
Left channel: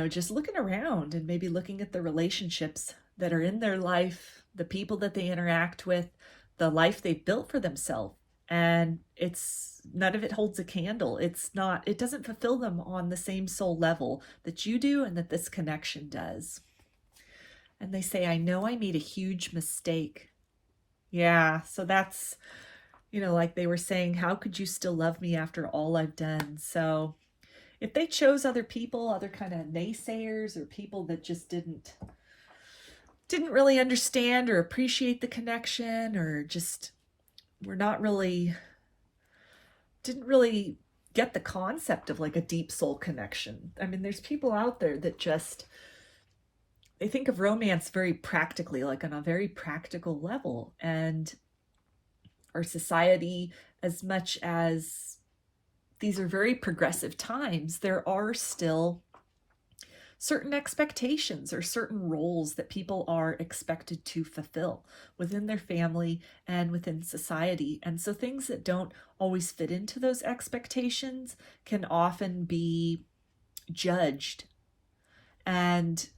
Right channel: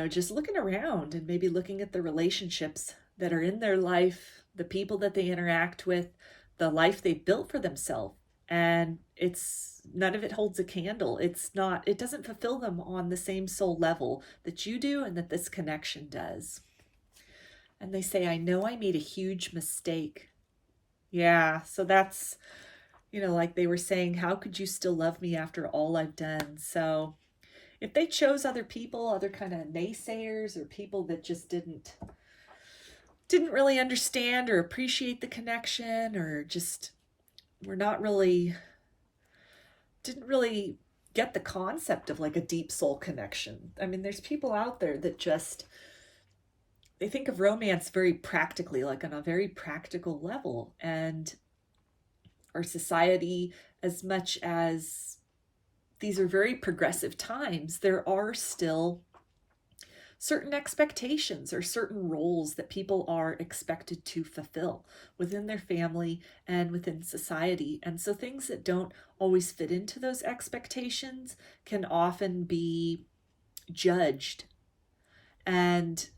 just looking around and maybe looking at the relationships that are in their life, the people that they interact with, the life they've built for themselves. And none of it holds a candle. It doesn't fulfill them on the same soul level that you do and that this connection does. And they say, I know I made a huge mistake. Yeah, so that's, like they were saying, how could you still love me after all I've done? So if they chose other people, other kind of naysayers, or people that just didn't really understand or appreciate the connection, or just didn't really get the concept of like a deep soul connection. I mean, there's people out there that they think of romance very practically, like on a very practical level. And our society, as much as these are very progressive times, there are still certain expectations or certain roles that people are expected to fulfill within their family and within society. And so things that don't always fit into those expectations can often be judged. And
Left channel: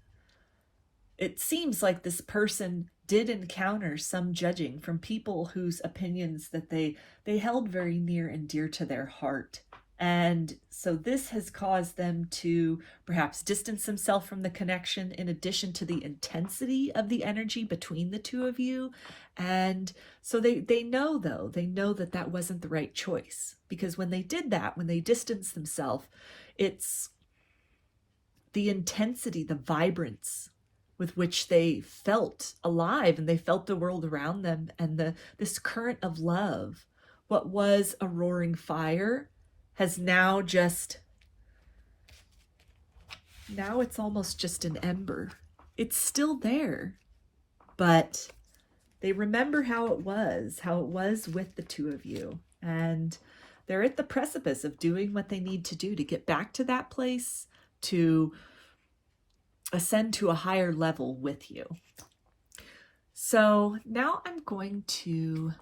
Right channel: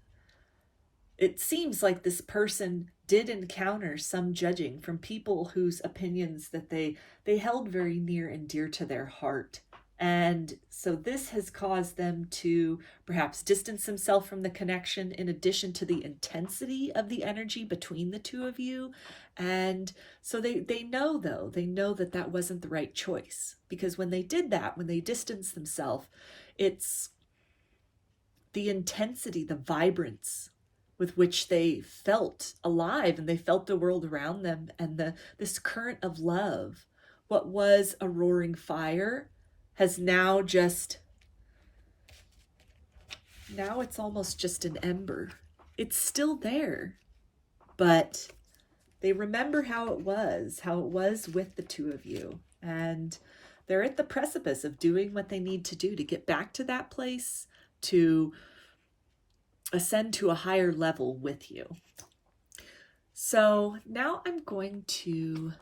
it seems like this person did encounter some judging from people whose opinions that they held very near and dear to their heart. And so this has caused them to perhaps distance themselves from the connection, in addition to the intensity of the energy between the two of you. And so they know that that wasn't the right choice, because when they did that, when they distanced themselves, it's the intensity, the vibrance with which they felt alive, and they felt the world around them, and this current of love, what was a roaring fire, has now it's almost just an ember. It's still there, but they remember how it was with the two of you. And they're at the precipice of doing what they need to do to get back to that place, to ascend to a higher level with you. So now I'm going to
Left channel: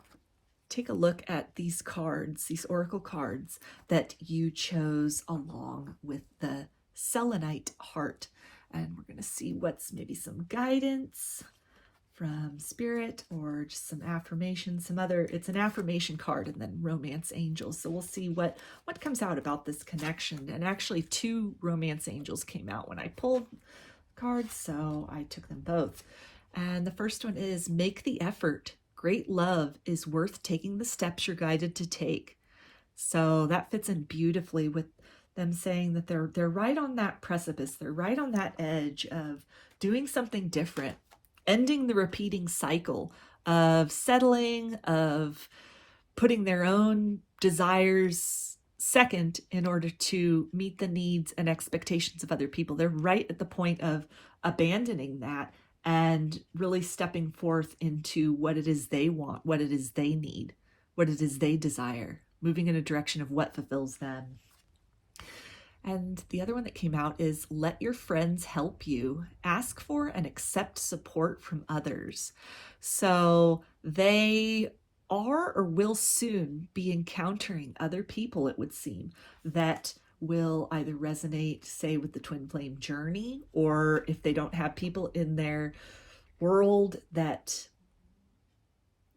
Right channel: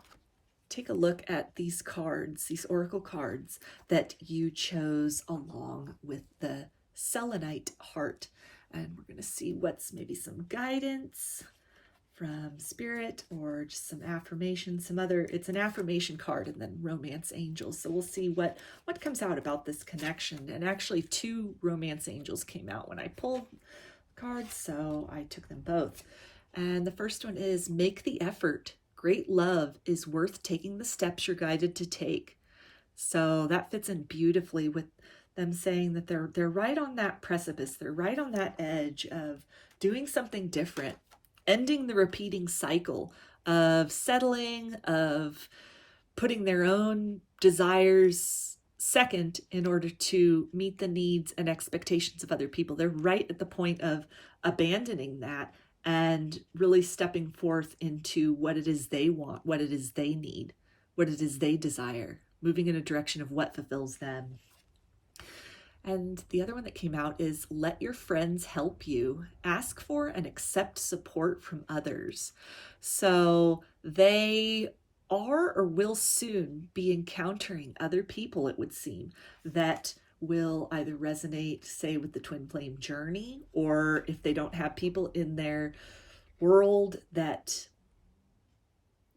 take a look at these cards, these oracle cards that you chose along with the Selenite heart. And we're going to see what's maybe some guidance from Spirit, or just some affirmation, it's an affirmation card, and then romance angels. So we'll see what comes out about this connection. And actually 2 romance angels came out when I pulled cards, so I took them both. And the first one is, make the effort. Great love is worth taking the steps you're guided to take. So that fits in beautifully with them saying that they're right on that precipice. They're right on that edge of doing something different, ending the repeating cycle of settling, of putting their own desires second in order to meet the needs and expectations of other people. They're right at the point of abandoning that and really stepping forth into what it is they want, what it is they need, what it is they desire, moving in a direction of what fulfills them. And the other one that came out is, let your friends help you. Ask for and accept support from others. So they are or will soon be encountering other people, it would seem, that will either resonate, say, with the twin flame journey, or if they don't have people in their world that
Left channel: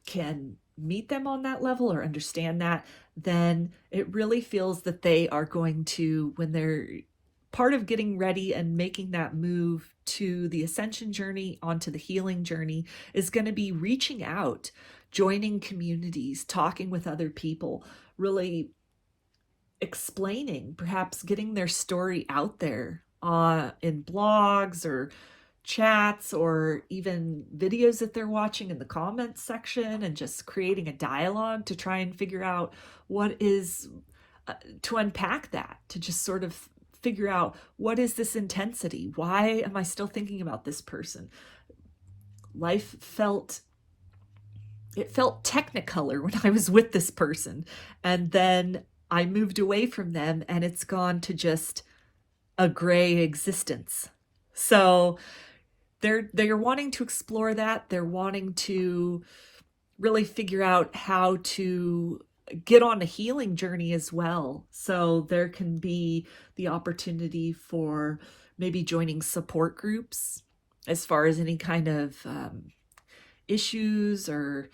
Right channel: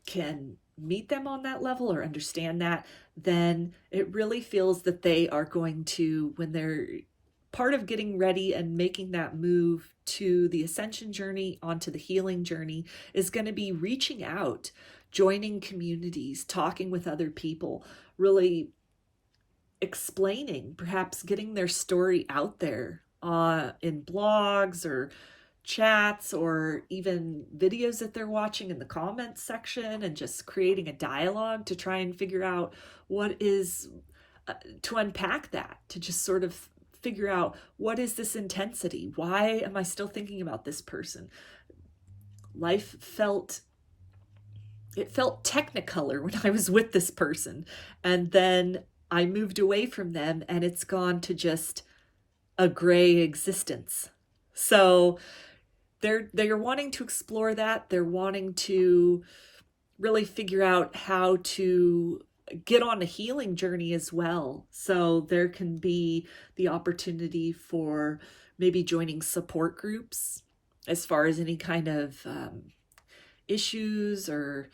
can meet them on that level or understand that, then it really feels that they are going to, when they're part of getting ready and making that move to the ascension journey, onto the healing journey, is going to be reaching out, joining communities, talking with other people, really explaining, perhaps getting their story out there in blogs or chats, or even videos that they're watching in the comments section, and just creating a dialogue to try and figure out what is, to unpack that, to just sort of figure out, what is this intensity? Why am I still thinking about this person? Life felt technicolor when I was with this person, and then I moved away from them and it's gone to just a gray existence. So they're wanting to explore that. They're wanting to really figure out how to get on a healing journey as well. So there can be the opportunity for maybe joining support groups as far as any kind of issues, or,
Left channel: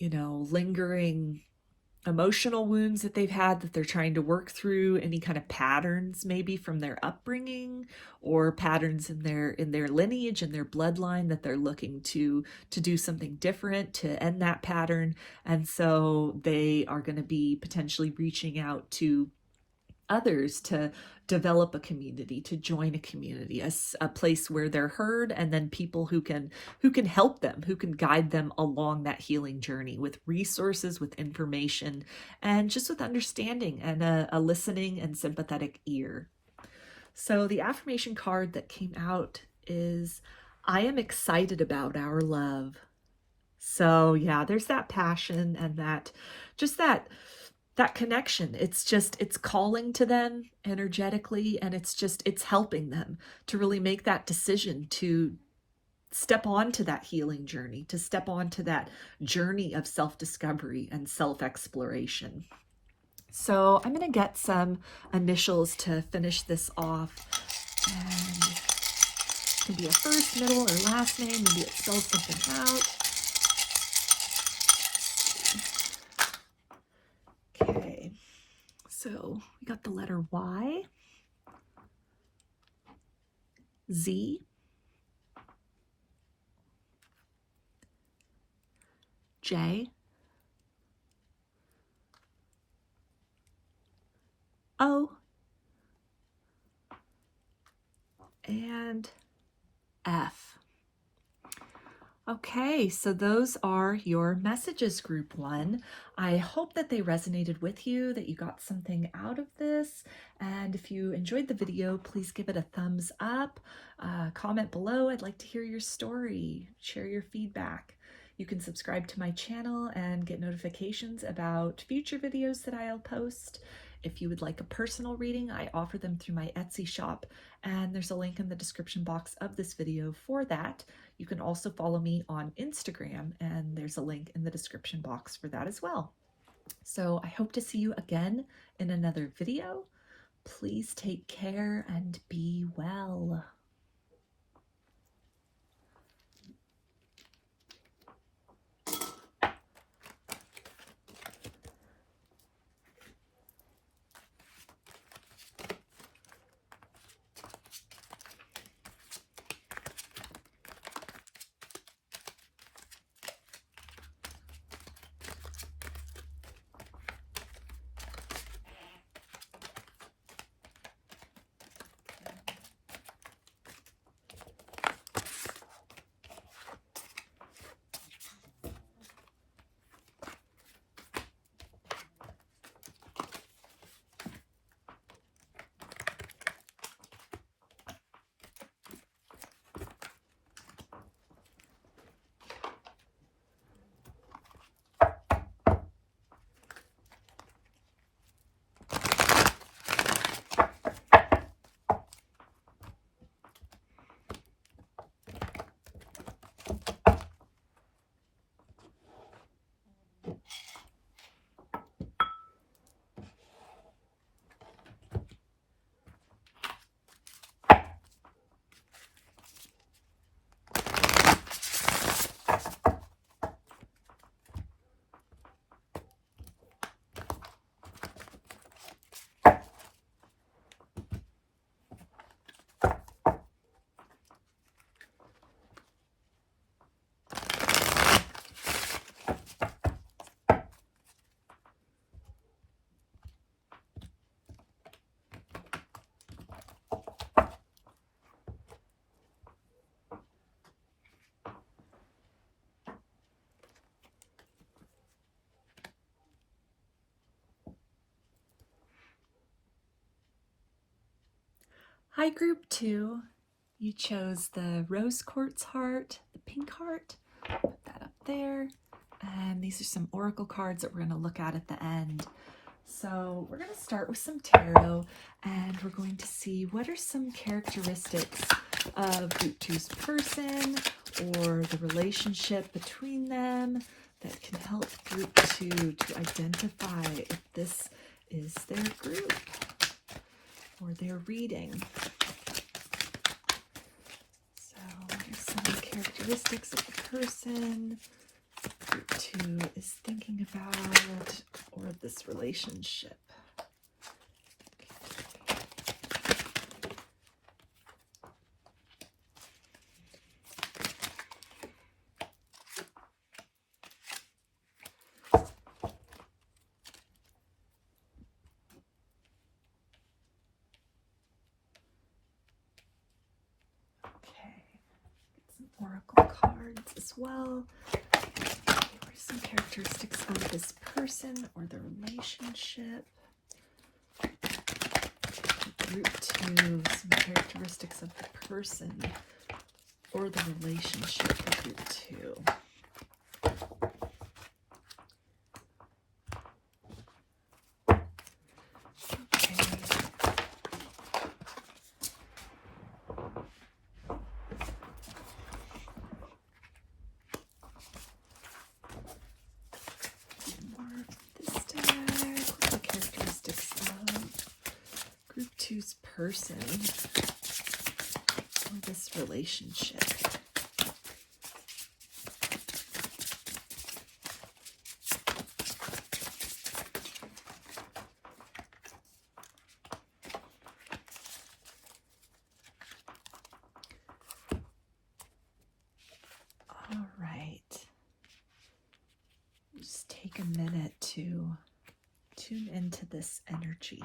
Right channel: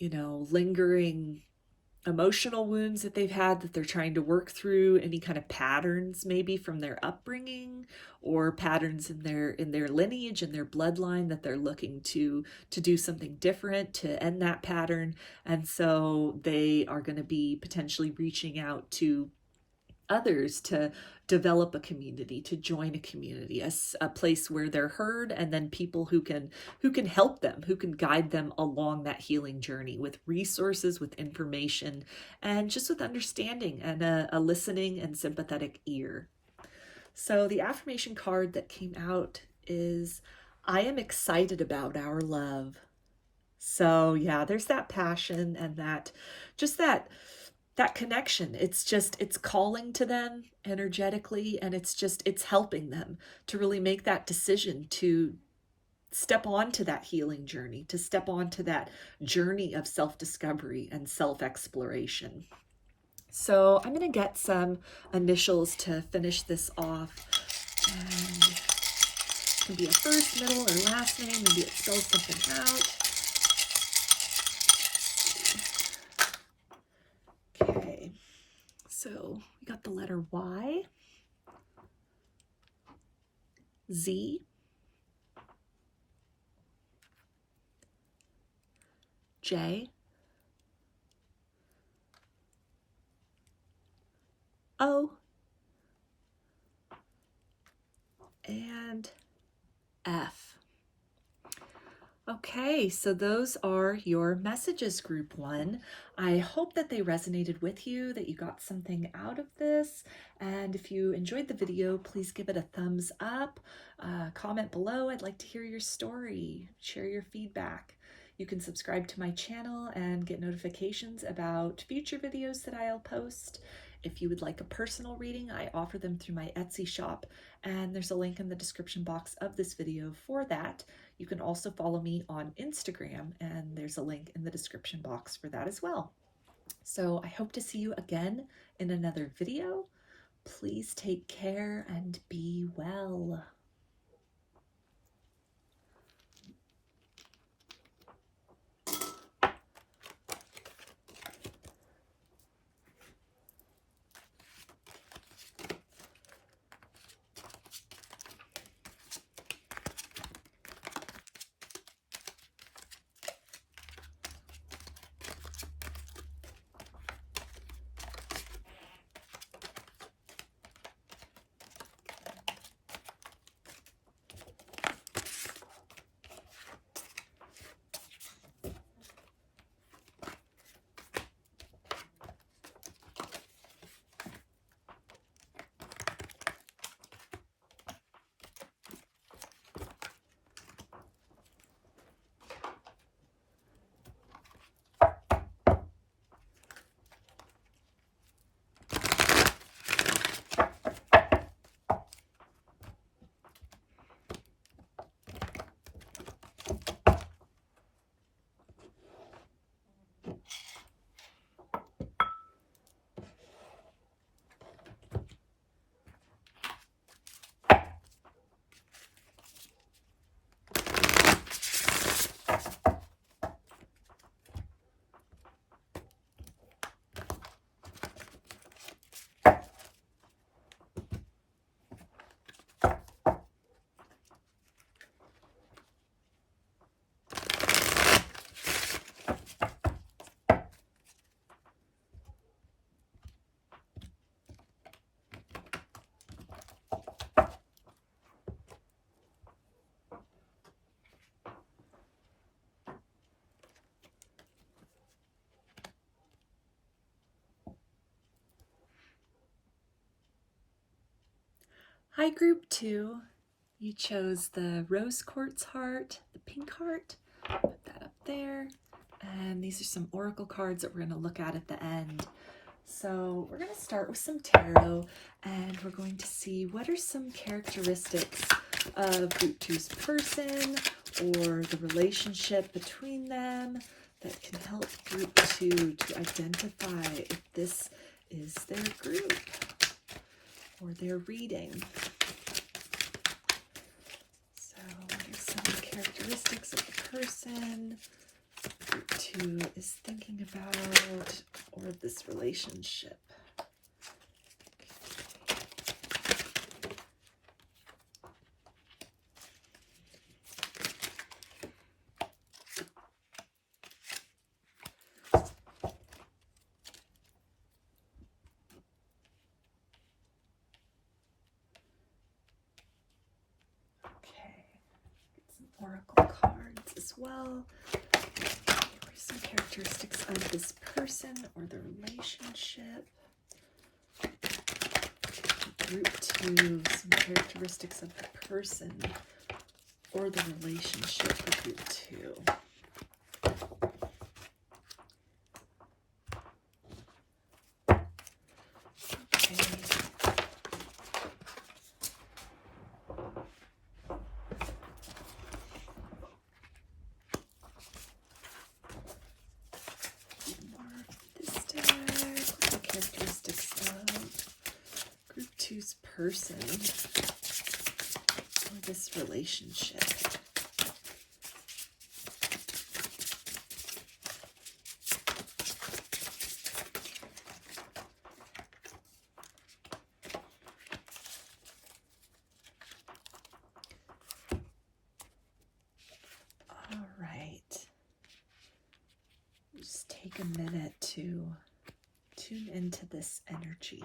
lingering emotional wounds that they've had that they're trying to work through, any kind of patterns maybe from their upbringing, or patterns in their lineage and their bloodline that they're looking to do something different to end that pattern. And so they are going to be potentially reaching out to others to develop a community, to join a community, a place where they're heard, and then people who can help them, who can guide them along that healing journey with resources, with information, and just with understanding and a listening and sympathetic ear. So the affirmation card that came out is, I am excited about our love. So yeah, there's that passion and that connection. It's calling to them energetically, and it's helping them to really make that decision to step onto that healing journey, to step onto that journey of self-discovery and self-exploration. So I'm going to get some initials to finish this off. And it can be a first, middle, or last name. Maybe it spells something out. Okay, so we got the letter Y, Z, J, O, and F. Okay, so those are your messages, group 1. I hope that they resonated with you, that you got something out of this. And if you enjoyed the video, please give it a thumbs up, comment below. I'd like to hear your story, share your feedback. You can subscribe to my channel and get notifications about future videos that I'll post. If you would like a personal reading, I offer them through my Etsy shop, and there's a link in the description box of this video for that. You can also follow me on Instagram, and there's a link in the description box for that as well. So I hope to see you again in another video. Please take care and be well. Hi, group 2. You chose the rose quartz heart, the pink heart. Put that up there. And these are some oracle cards that we're going to look at the end. So we're going to start with some tarot, and we're going to see what are some characteristics of group 2's person or the relationship between them that can help group 2 to identify if this is their group or their reading. So what are some characteristics of the person group 2 is thinking about, or this relationship? Oracle cards as well. What are some characteristics of this person or the relationship? Group 2, some characteristics of the person or the relationship of group 2. Person or this relationship. All right. Just take a minute to tune into this energy.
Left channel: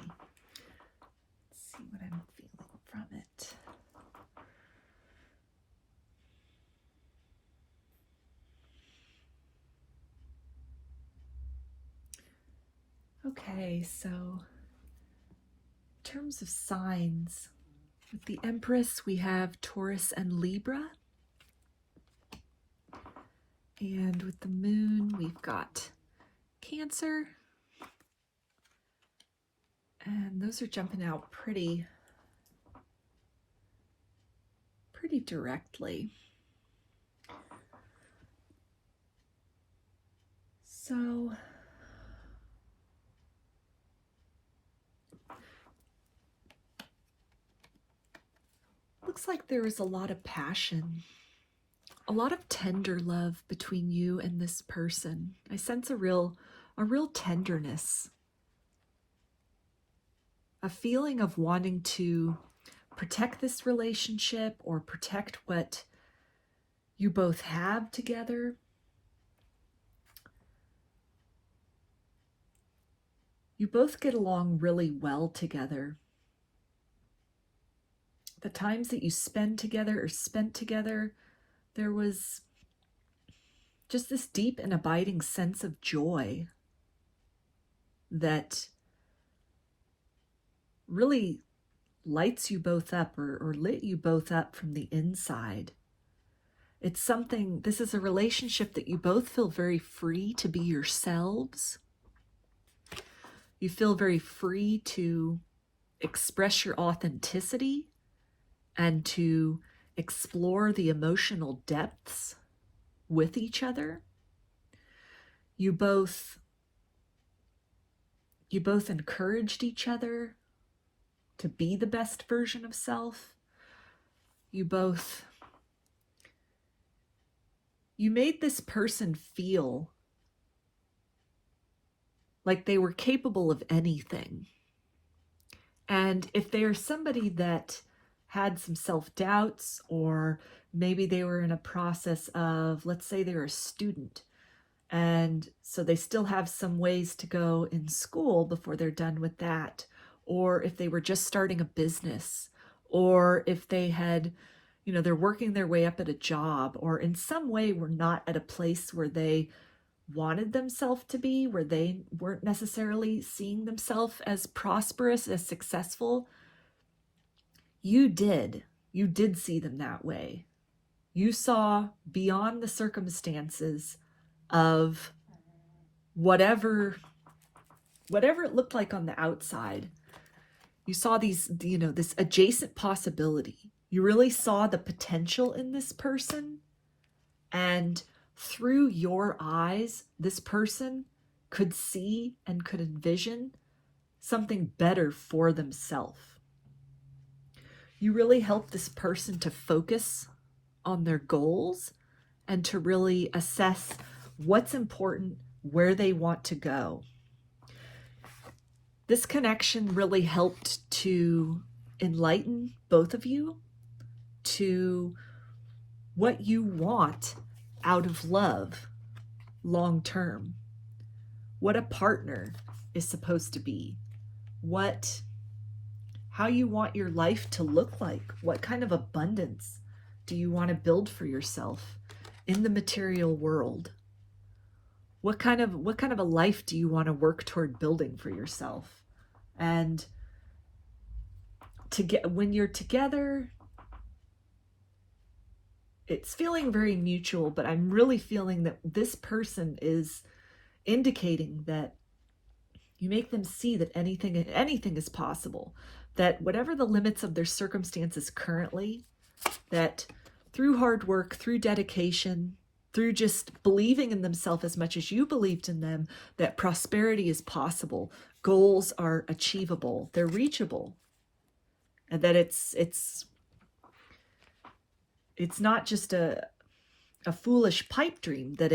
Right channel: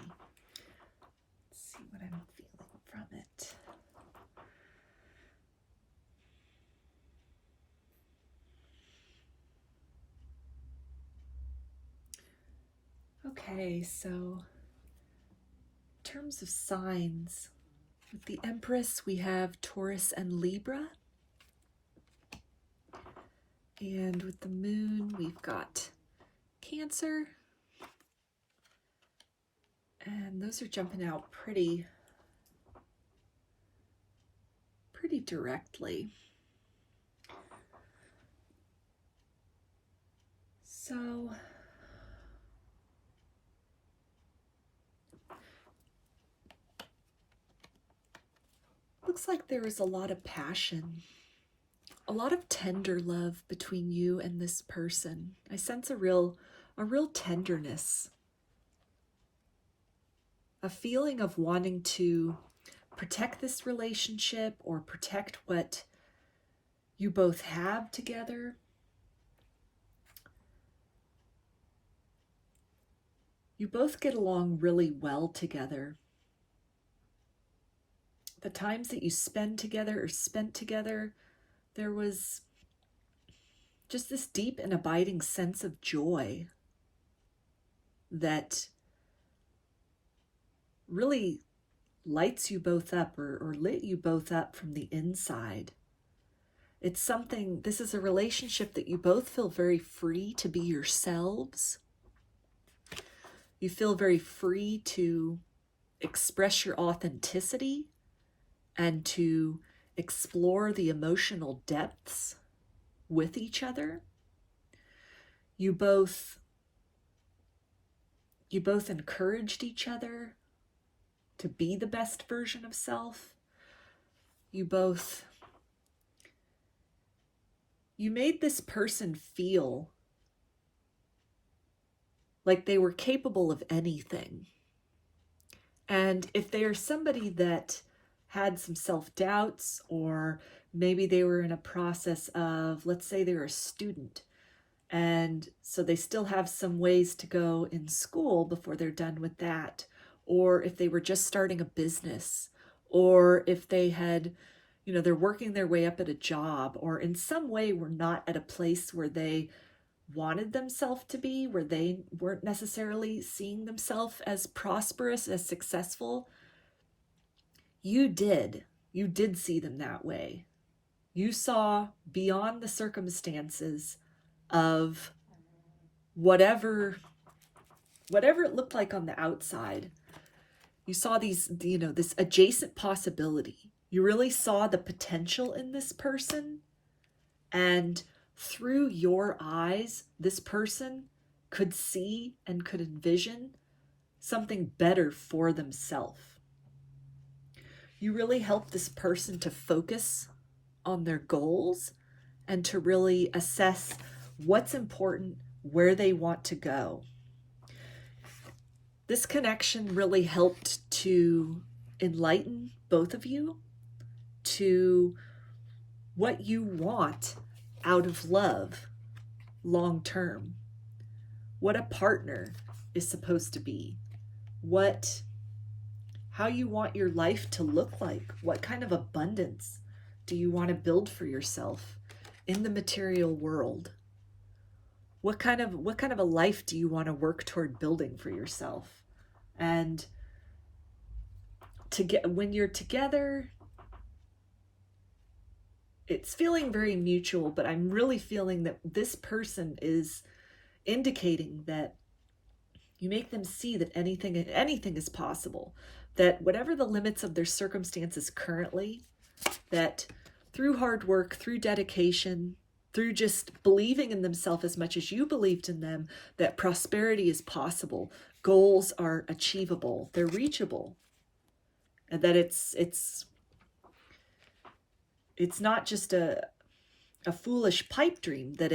See what I'm feeling from it. Okay, so in terms of signs, with the Empress we have Taurus and Libra. And with the Moon we've got Cancer. And those are jumping out pretty directly. So looks like there is a lot of passion, a lot of tender love between you and this person. I sense a real tenderness, a feeling of wanting to protect this relationship or protect what you both have together. You both get along really well together. The times that you spend together or spent together, there was just this deep and abiding sense of joy that really lights you both up or lit you both up from the inside. It's something, this is a relationship that you both feel very free to be yourselves. You feel very free to express your authenticity and to explore the emotional depths with each other. You both encouraged each other to be the best version of self. You made this person feel like they were capable of anything. And if there's somebody that had some self-doubts, or maybe they were in a process of, let's say they were a student, and so they still have some ways to go in school before they're done with that, or if they were just starting a business, or if they had, they're working their way up at a job, or in some way were not at a place where they wanted themselves to be, where they weren't necessarily seeing themselves as prosperous, as successful. You did see them that way. You saw beyond the circumstances of whatever it looked like on the outside. You saw these, this adjacent possibility. You really saw the potential in this person, and through your eyes, this person could see and could envision something better for themselves. You really helped this person to focus on their goals and to really assess what's important, where they want to go. This connection really helped to enlighten both of you to what you want out of love long term, what a partner is supposed to be, how you want your life to look like, what kind of abundance do you want to build for yourself in the material world, what kind of a life do you want to work toward building for yourself. And when you're together, it's feeling very mutual, but I'm really feeling that this person is indicating that you make them see that anything is possible, that whatever the limits of their circumstances currently, that through hard work, through dedication, through just believing in themselves as much as you believed in them, that prosperity is possible, goals are achievable, they're reachable, and that it's not just a foolish pipe dream, that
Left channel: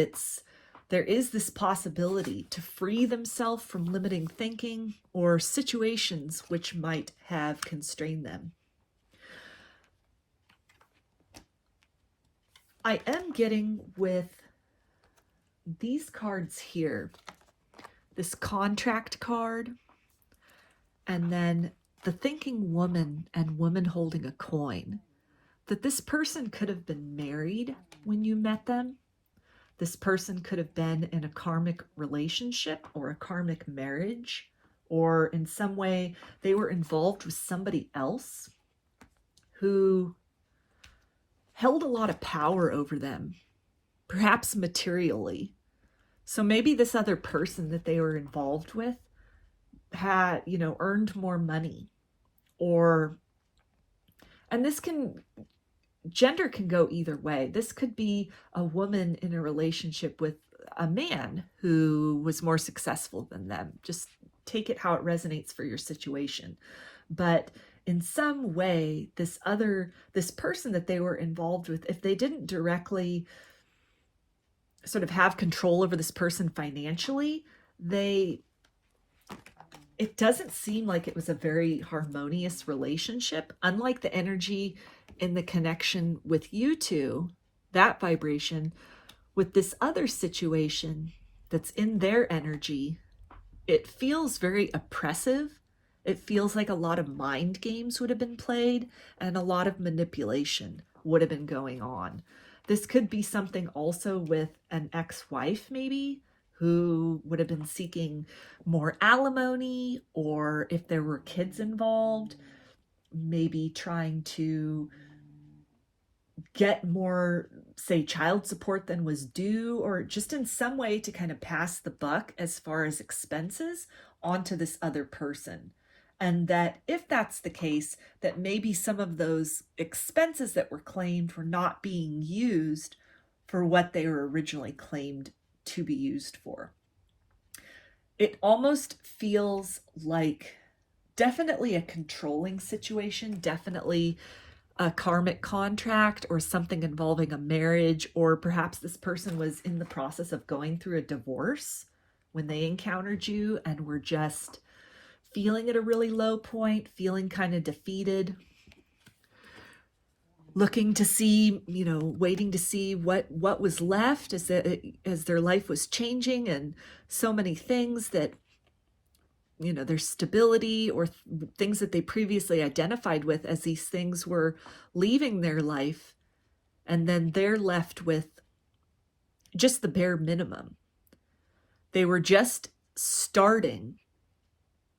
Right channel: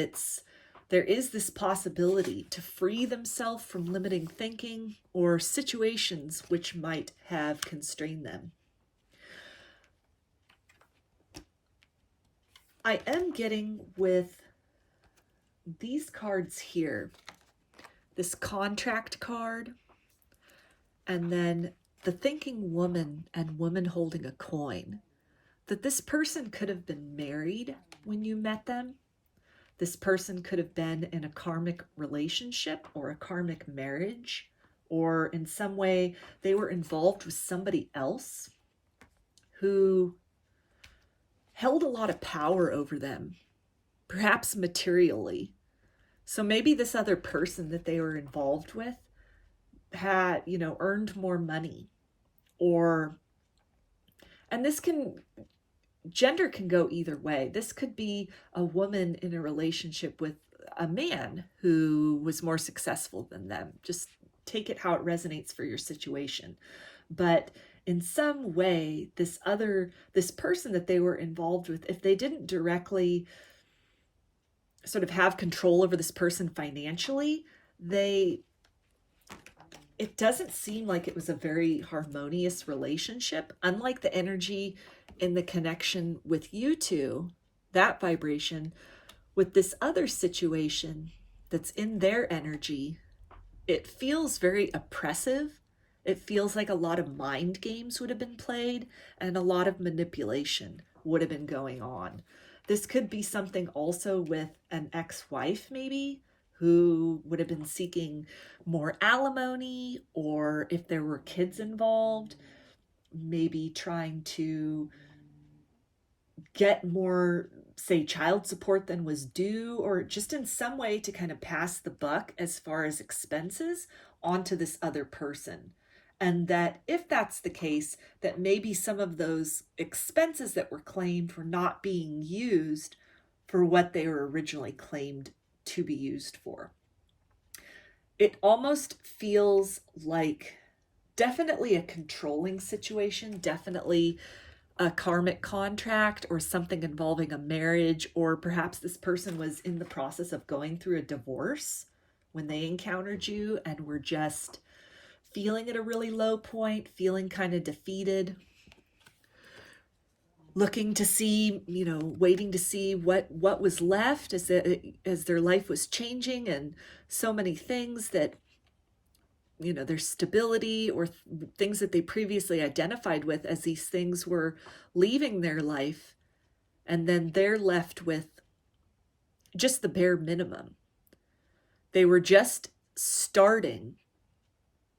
there is this possibility to free themselves from limiting thinking or situations which might have constrained them. I am getting with these cards here, this contract card, and then the thinking woman and woman holding a coin, that this person could have been married when you met them. This person could have been in a karmic relationship or a karmic marriage, or in some way they were involved with somebody else who held a lot of power over them, perhaps materially. So maybe this other person that they were involved with had, earned more money, and gender can go either way. This could be a woman in a relationship with a man who was more successful than them. Just take it how it resonates for your situation. But in some way, this person that they were involved with, if they didn't directly sort of have control over this person financially, it doesn't seem like it was a very harmonious relationship. Unlike the energy in the connection with you two, that vibration, with this other situation that's in their energy, it feels very oppressive. It feels like a lot of mind games would have been played and a lot of manipulation would have been going on. This could be something also with an ex-wife maybe, who would have been seeking more alimony, or if there were kids involved, maybe trying to get more, say, child support than was due, or just in some way to kind of pass the buck as far as expenses onto this other person. And that if that's the case, that maybe some of those expenses that were claimed were not being used for what they were originally claimed to be used for. It almost feels like definitely a controlling situation, definitely a karmic contract or something involving a marriage, or perhaps this person was in the process of going through a divorce when they encountered you and were just feeling at a really low point, feeling kind of defeated, looking to see, waiting to see what was left as their life was changing, and so many things that, their stability or things that they previously identified with as these things were leaving their life, and then they're left with just the bare minimum. They were just starting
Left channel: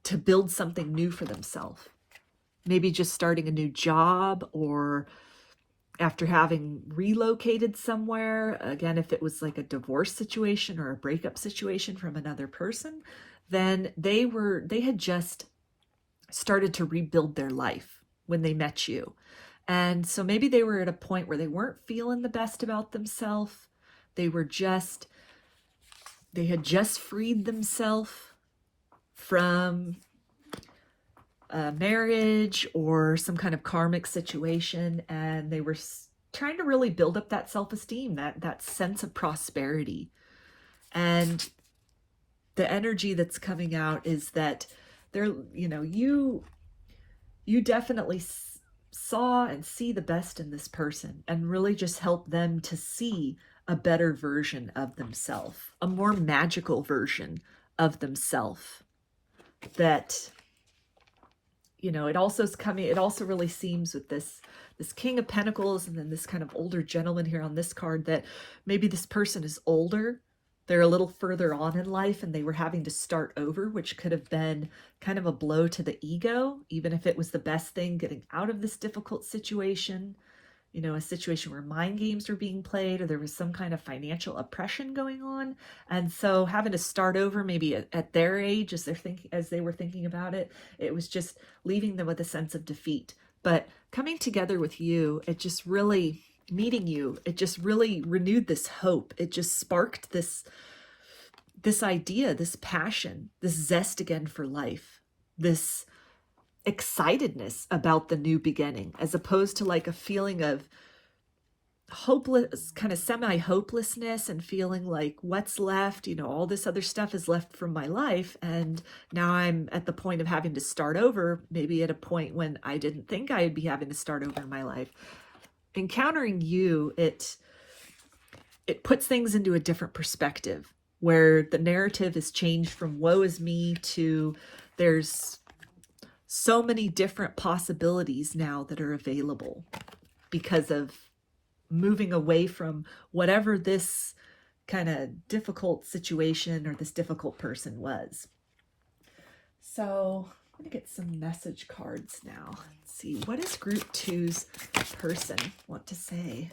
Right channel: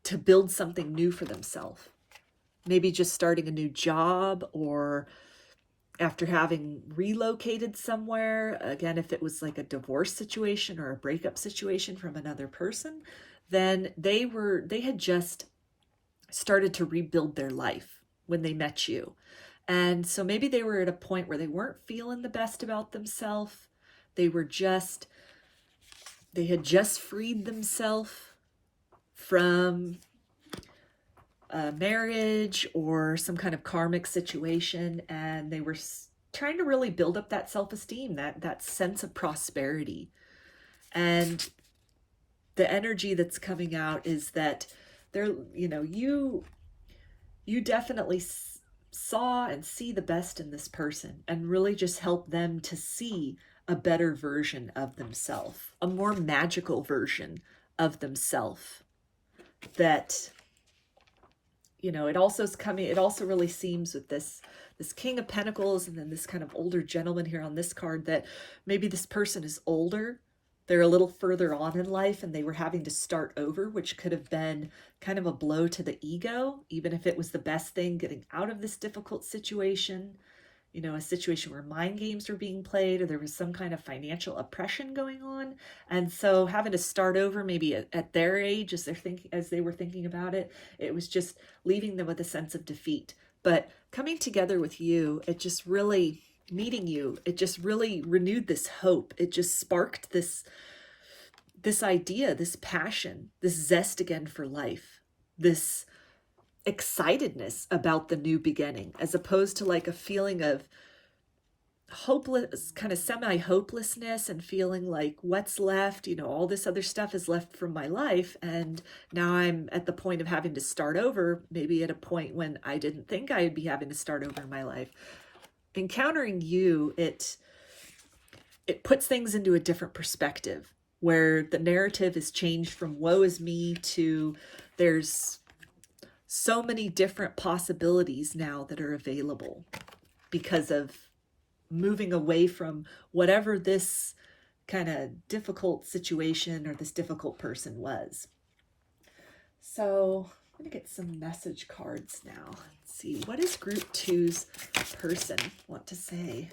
to build something new for themselves. Maybe just starting a new job, or after having relocated somewhere, again, if it was like a divorce situation or a breakup situation from another person, then they had just started to rebuild their life when they met you. And so maybe they were at a point where they weren't feeling the best about themselves. They had just freed themselves from a marriage or some kind of karmic situation, and they were trying to really build up that self-esteem, that sense of prosperity. And the energy that's coming out is that you definitely saw and see the best in this person, and really just help them to see a better version of themselves, a more magical version of themselves. That, it also really seems with this King of Pentacles and then this kind of older gentleman here on this card, that maybe this person is older, they're a little further on in life, and they were having to start over, which could have been kind of a blow to the ego, even if it was the best thing getting out of this difficult situation. A situation where mind games were being played, or there was some kind of financial oppression going on. And so having to start over, maybe at their age, as they were thinking about it, it was just leaving them with a sense of defeat. But coming together with you, it just really, meeting you, it just really renewed this hope. It just sparked this idea, this passion, this zest again for life, this excitedness about the new beginning, as opposed to like a feeling of hopeless, kind of semi-hopelessness, and feeling like what's left, all this other stuff is left from my life, and now I'm at the point of having to start over, maybe at a point when I didn't think I would be having to start over in my life. Encountering you, it puts things into a different perspective, where the narrative is changed from woe is me to there's so many different possibilities now that are available because of moving away from whatever this kind of difficult situation or this difficult person was. So I'm going to get some message cards now. Let's see, what does group 2's person want to say?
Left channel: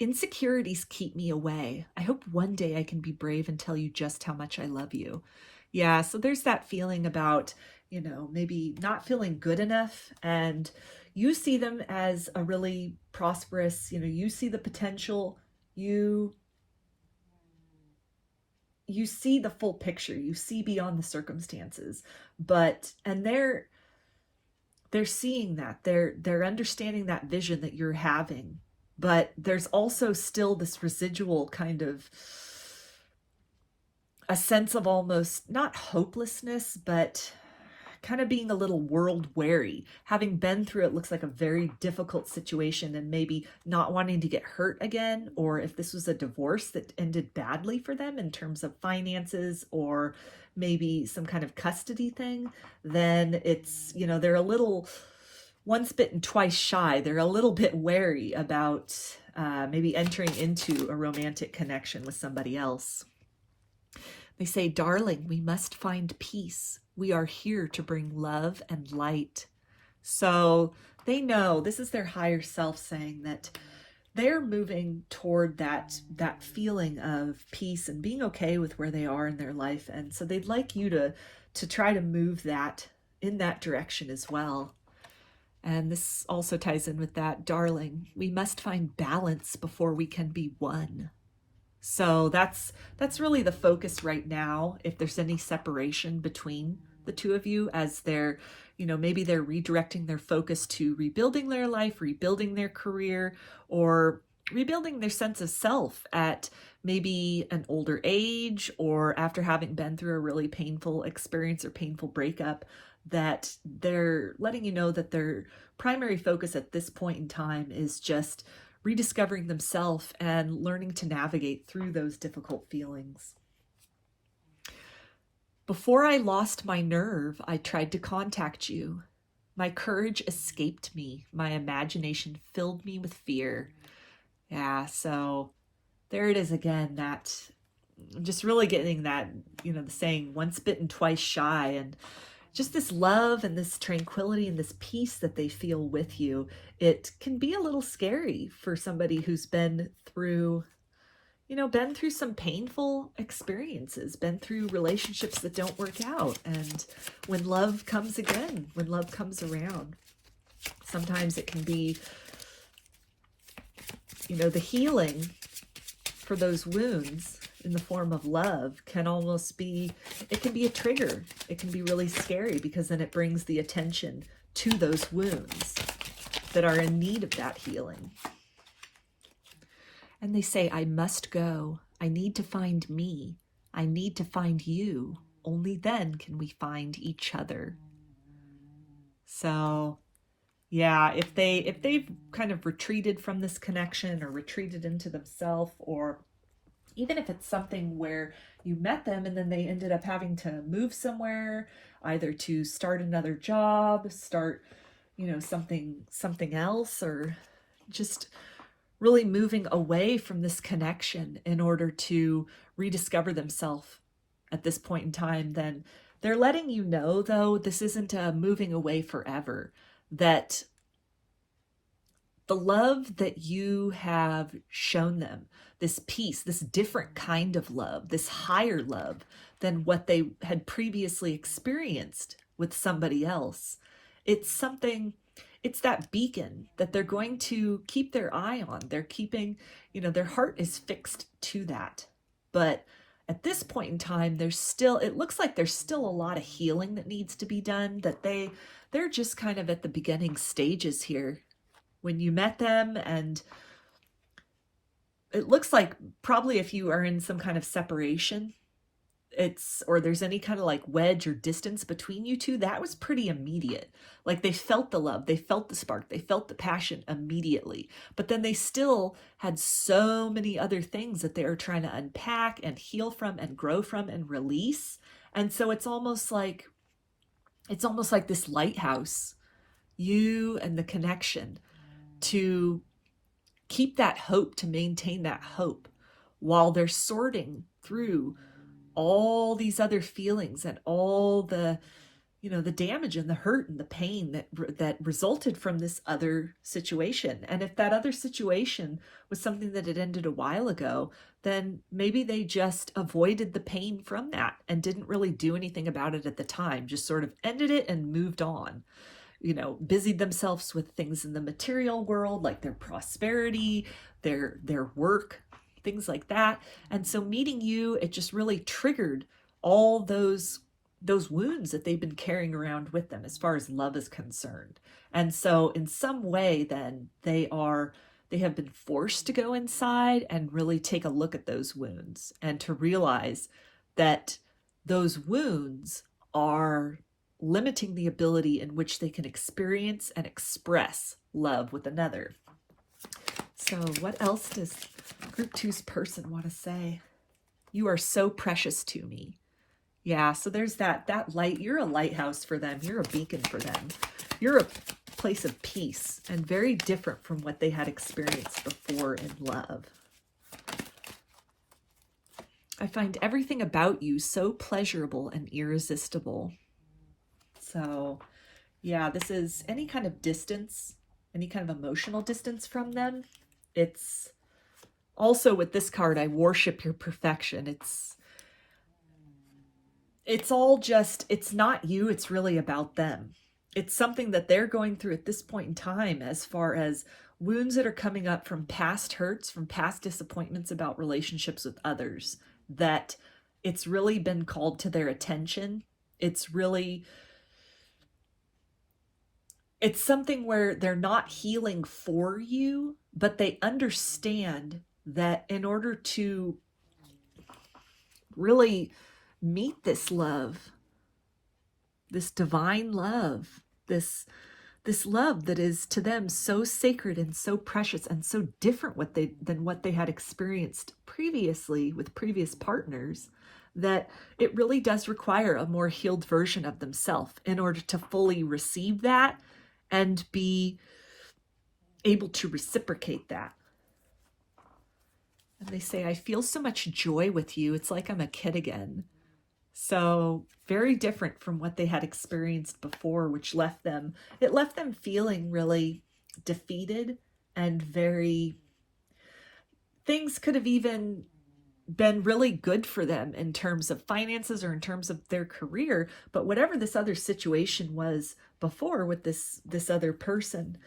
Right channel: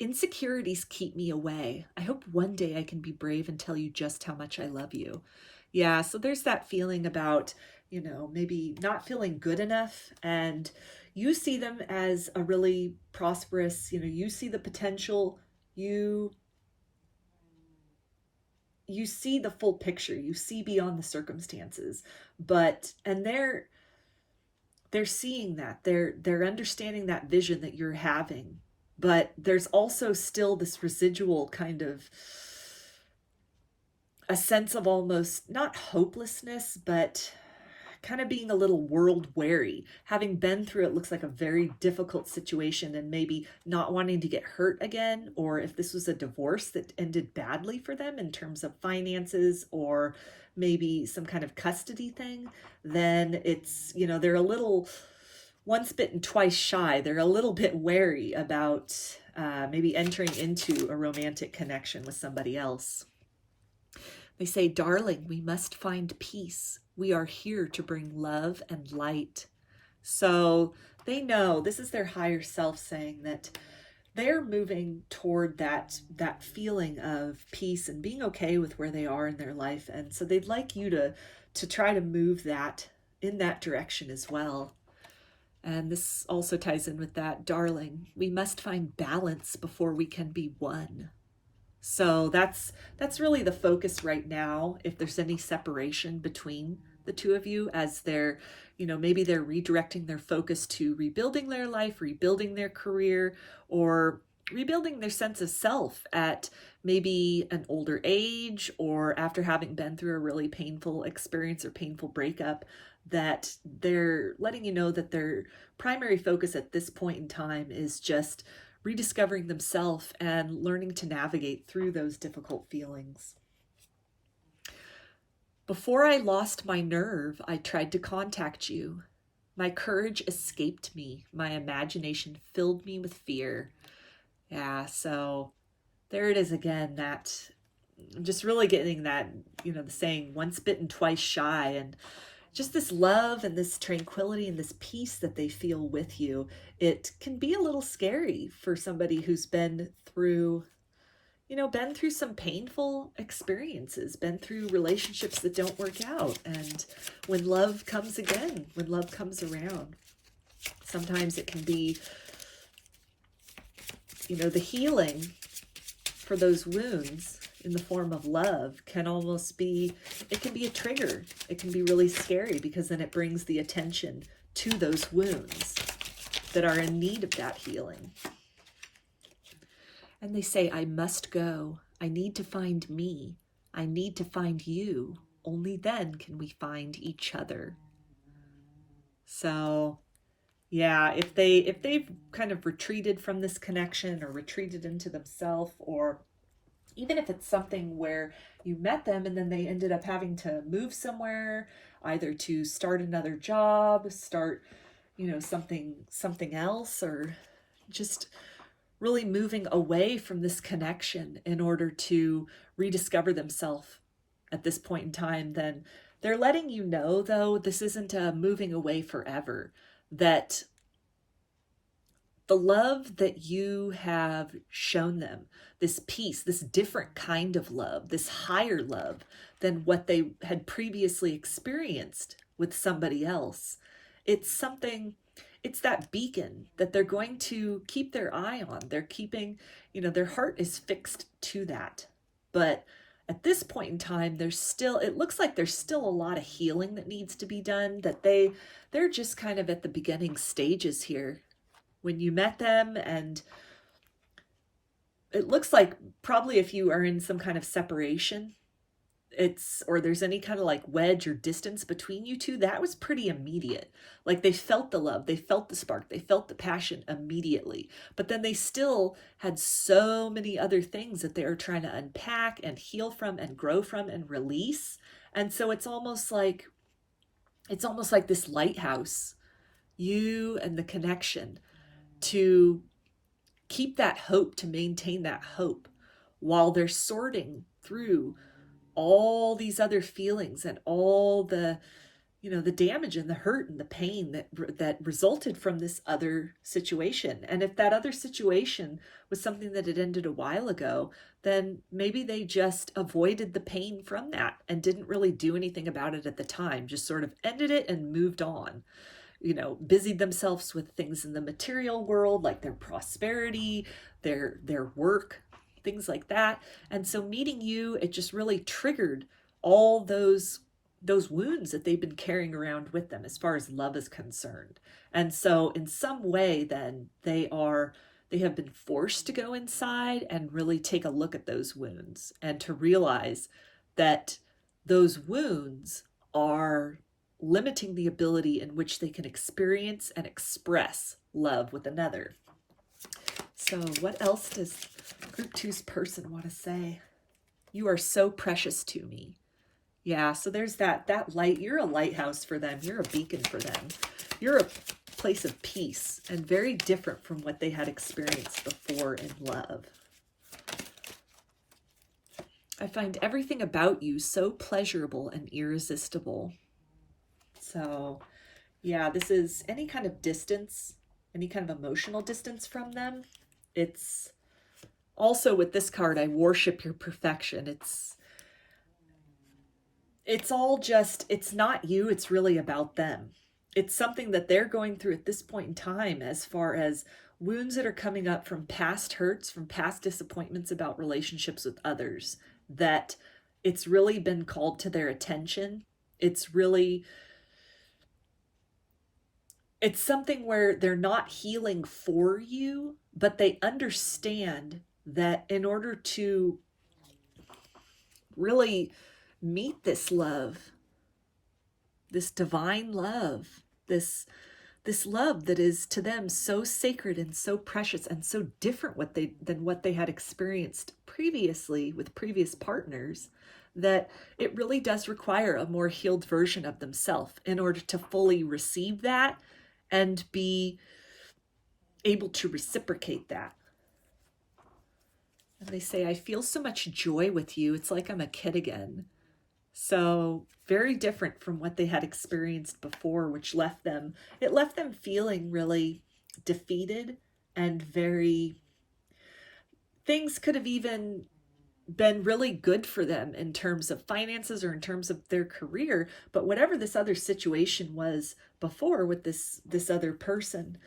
Insecurities keep me away. I hope one day I can be brave and tell you just how much I love you. Yeah, so there's that feeling about, maybe not feeling good enough, and you see them as a really prosperous, you see the potential, you see the full picture, you see beyond the circumstances, and they're seeing that, they're understanding that vision that you're having, but there's also still this residual kind of a sense of almost not hopelessness, but kind of being a little world weary, having been through it looks like a very difficult situation, and maybe not wanting to get hurt again, or if this was a divorce that ended badly for them in terms of finances or maybe some kind of custody thing, then it's, they're a little once bitten, twice shy. They're a little bit wary about maybe entering into a romantic connection with somebody else. They say, darling, we must find peace. We are here to bring love and light. So they know, this is their higher self saying that they're moving toward that feeling of peace and being okay with where they are in their life. And so they'd like you to try to move that in that direction as well. And this also ties in with that, darling, we must find balance before we can be one. So that's really the focus right now. If there's any separation between the two of you, as they're, maybe they're redirecting their focus to rebuilding their life, rebuilding their career, or rebuilding their sense of self at maybe an older age, or after having been through a really painful experience or painful breakup, that they're letting you know that their primary focus at this point in time is just rediscovering themselves and learning to navigate through those difficult feelings. Before I lost my nerve, I tried to contact you. My courage escaped me. My imagination filled me with fear. Yeah, so there it is again, that just really getting that, the saying, once bitten, twice shy, and just this love and this tranquility and this peace that they feel with you. It can be a little scary for somebody who's been through some painful experiences, been through relationships that don't work out. And when love comes again, when love comes around, sometimes it can be, the healing for those wounds in the form of love can almost be, it can be a trigger. It can be really scary because then it brings the attention to those wounds that are in need of that healing. And they say, I must go. I need to find me. I need to find you. Only then can we find each other. So yeah, if they've kind of retreated from this connection or retreated into themselves, or even if it's something where you met them and then they ended up having to move somewhere, either to start another job, start, something else, or just really moving away from this connection in order to rediscover themselves at this point in time, then they're letting you know, though, this isn't a moving away forever, that the love that you have shown them, this peace, this different kind of love, this higher love than what they had previously experienced with somebody else. It's that beacon that they're going to keep their eye on. They're keeping, their heart is fixed to that. But at this point in time, it looks like there's still a lot of healing that needs to be done, that they're just kind of at the beginning stages here. When you met them, and it looks like probably if you are in some kind of separation, or there's any kind of like wedge or distance between you two, that was pretty immediate. Like they felt the love, they felt the spark, they felt the passion immediately. But then they still had so many other things that they were trying to unpack and heal from and grow from and release. And so it's almost like this lighthouse, you and the connection, to keep that hope, to maintain that hope while they're sorting through all these other feelings and all the, the damage and the hurt and the pain that resulted from this other situation. And if that other situation was something that had ended a while ago, then maybe they just avoided the pain from that and didn't really do anything about it at the time, just sort of ended it and moved on. Busied themselves with things in the material world, like their prosperity, their work, things like that. And so meeting you, it just really triggered all those wounds that they've been carrying around with them as far as love is concerned. And so in some way, then they have been forced to go inside and really take a look at those wounds and to realize that those wounds are limiting the ability in which they can experience and express love with another. So what else does Group 2's person want to say? You are so precious to me. Yeah, so there's that light. You're a lighthouse for them. You're a beacon for them. You're a place of peace and very different from what they had experienced before in love. I find everything about you so pleasurable and irresistible. So, yeah, this is any kind of distance, any kind of emotional distance from them. It's also with this card, I worship your perfection. It's all just, it's not you, it's really about them. it's something that they're going through at this point in time, as far as wounds that are coming up from past hurts, from past disappointments about relationships with others, that it's really been called to their attention. It's something where they're not healing for you, but they understand that in order to really meet this love, this divine love, this love that is to them so sacred and so precious and so different than what they had experienced previously with previous partners, that it really does require a more healed version of themselves in order to fully receive that and be able to reciprocate that. And they say, I feel so much joy with you. It's like I'm a kid again. So very different from what they had experienced before, which left them feeling really defeated and things could have even been really good for them in terms of finances or in terms of their career. But whatever this other situation was before with this other person,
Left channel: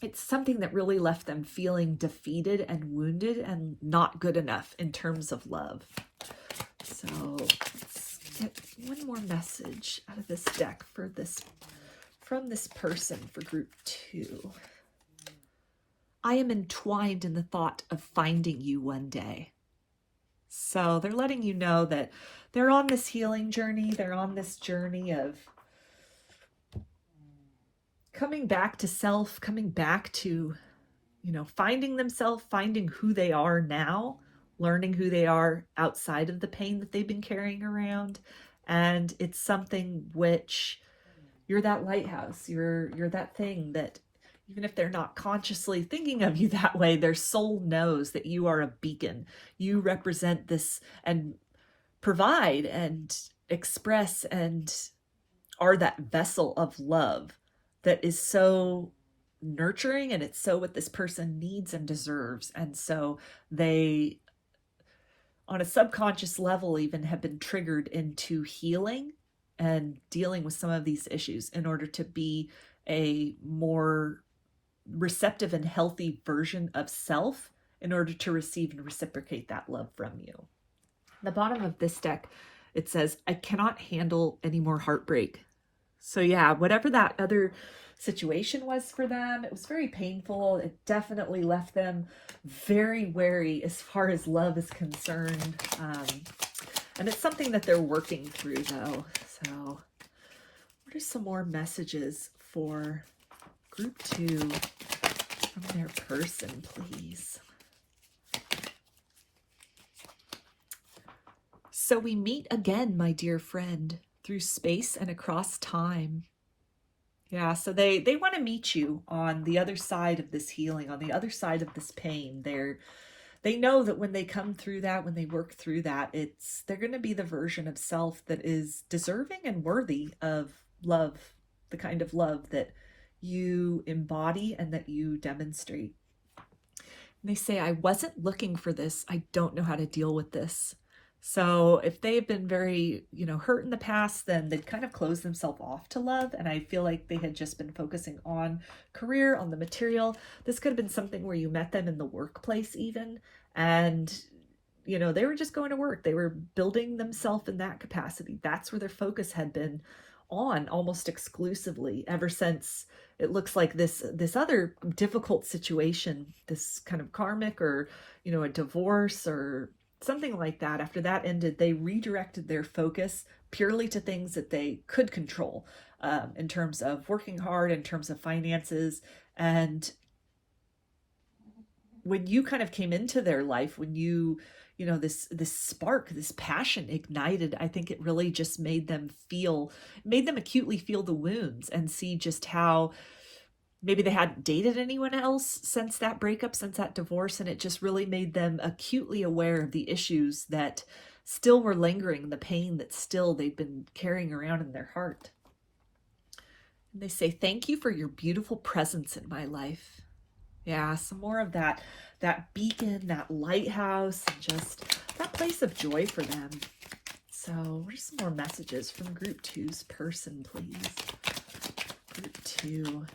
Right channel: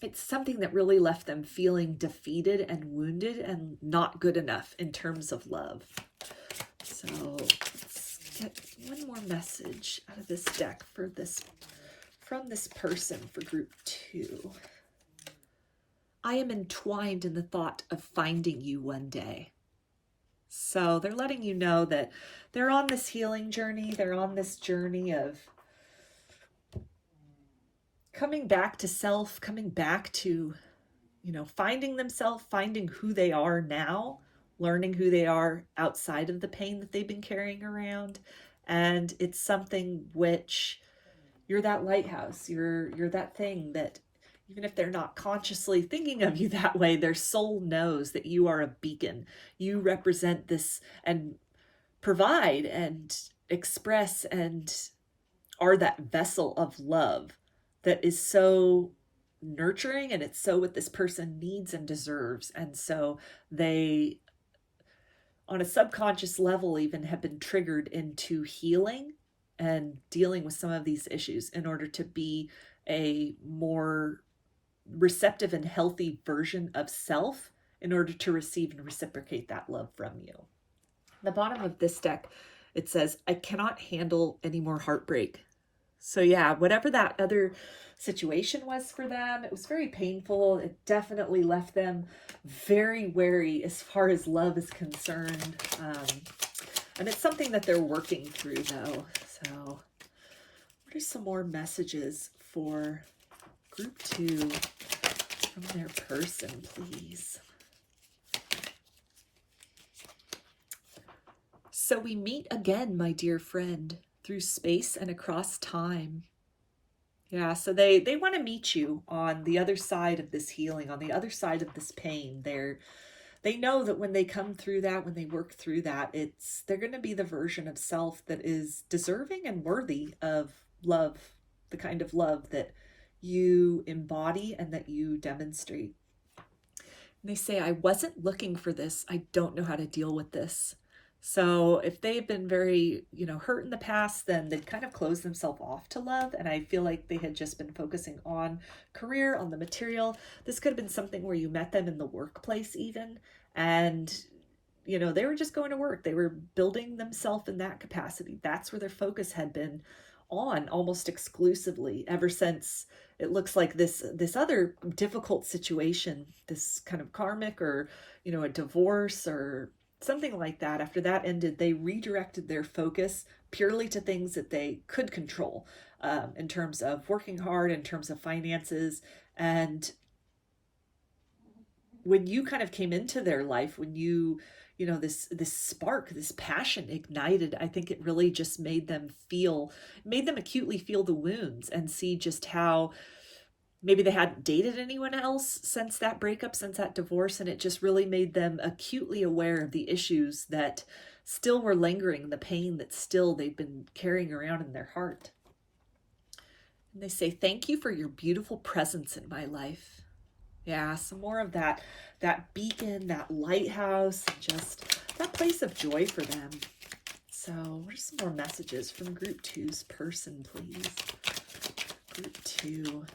it's something that really left them feeling defeated and wounded and not good enough in terms of love. So let's get one more message out of this deck from this person for group 2. I am entwined in the thought of finding you one day. So they're letting you know that they're on this healing journey. They're on this journey of coming back to self, coming back to, finding themselves, finding who they are now, learning who they are outside of the pain that they've been carrying around. And it's something which you're that lighthouse. You're that thing that even if they're not consciously thinking of you that way, their soul knows that you are a beacon. You represent this and provide and express and are that vessel of love that is so nurturing, and it's so what this person needs and deserves. And so they, on a subconscious level, even have been triggered into healing and dealing with some of these issues in order to be a more receptive and healthy version of self in order to receive and reciprocate that love from you. At the bottom of this deck, it says, I cannot handle any more heartbreak. So yeah, whatever that other situation was for them, it was very painful. It definitely left them very wary as far as love is concerned. And it's something that they're working through though. So what are some more messages for group 2 from their person, please? So we meet again, my dear friend, through space and across time. Yeah, so they want to meet you on the other side of this healing, on the other side of this pain. They know that when they come through that, when they work through that, they're going to be the version of self that is deserving and worthy of love, the kind of love that you embody and that you demonstrate. And they say, I wasn't looking for this. I don't know how to deal with this. So if they've been very, hurt in the past, then they've kind of closed themselves off to love. And I feel like they had just been focusing on career, on the material. This could have been something where you met them in the workplace even. And, they were just going to work. They were building themselves in that capacity. That's where their focus had been on almost exclusively ever since it looks like this other difficult situation, this kind of karmic or, a divorce or something like that. After that ended, they redirected their focus purely to things that they could control, in terms of working hard, in terms of finances. And when you kind of came into their life, when this spark, this passion ignited, I think it really just made them acutely feel the wounds and see just how maybe they hadn't dated anyone else since that breakup, since that divorce, and it just really made them acutely aware of the issues that still were lingering, the pain that still they've been carrying around in their heart. And they say, thank you for your beautiful presence in my life. Yeah, some more of that beacon, that lighthouse, and just that place of joy for them. So what are some more messages from group 2's person, please? Group 2.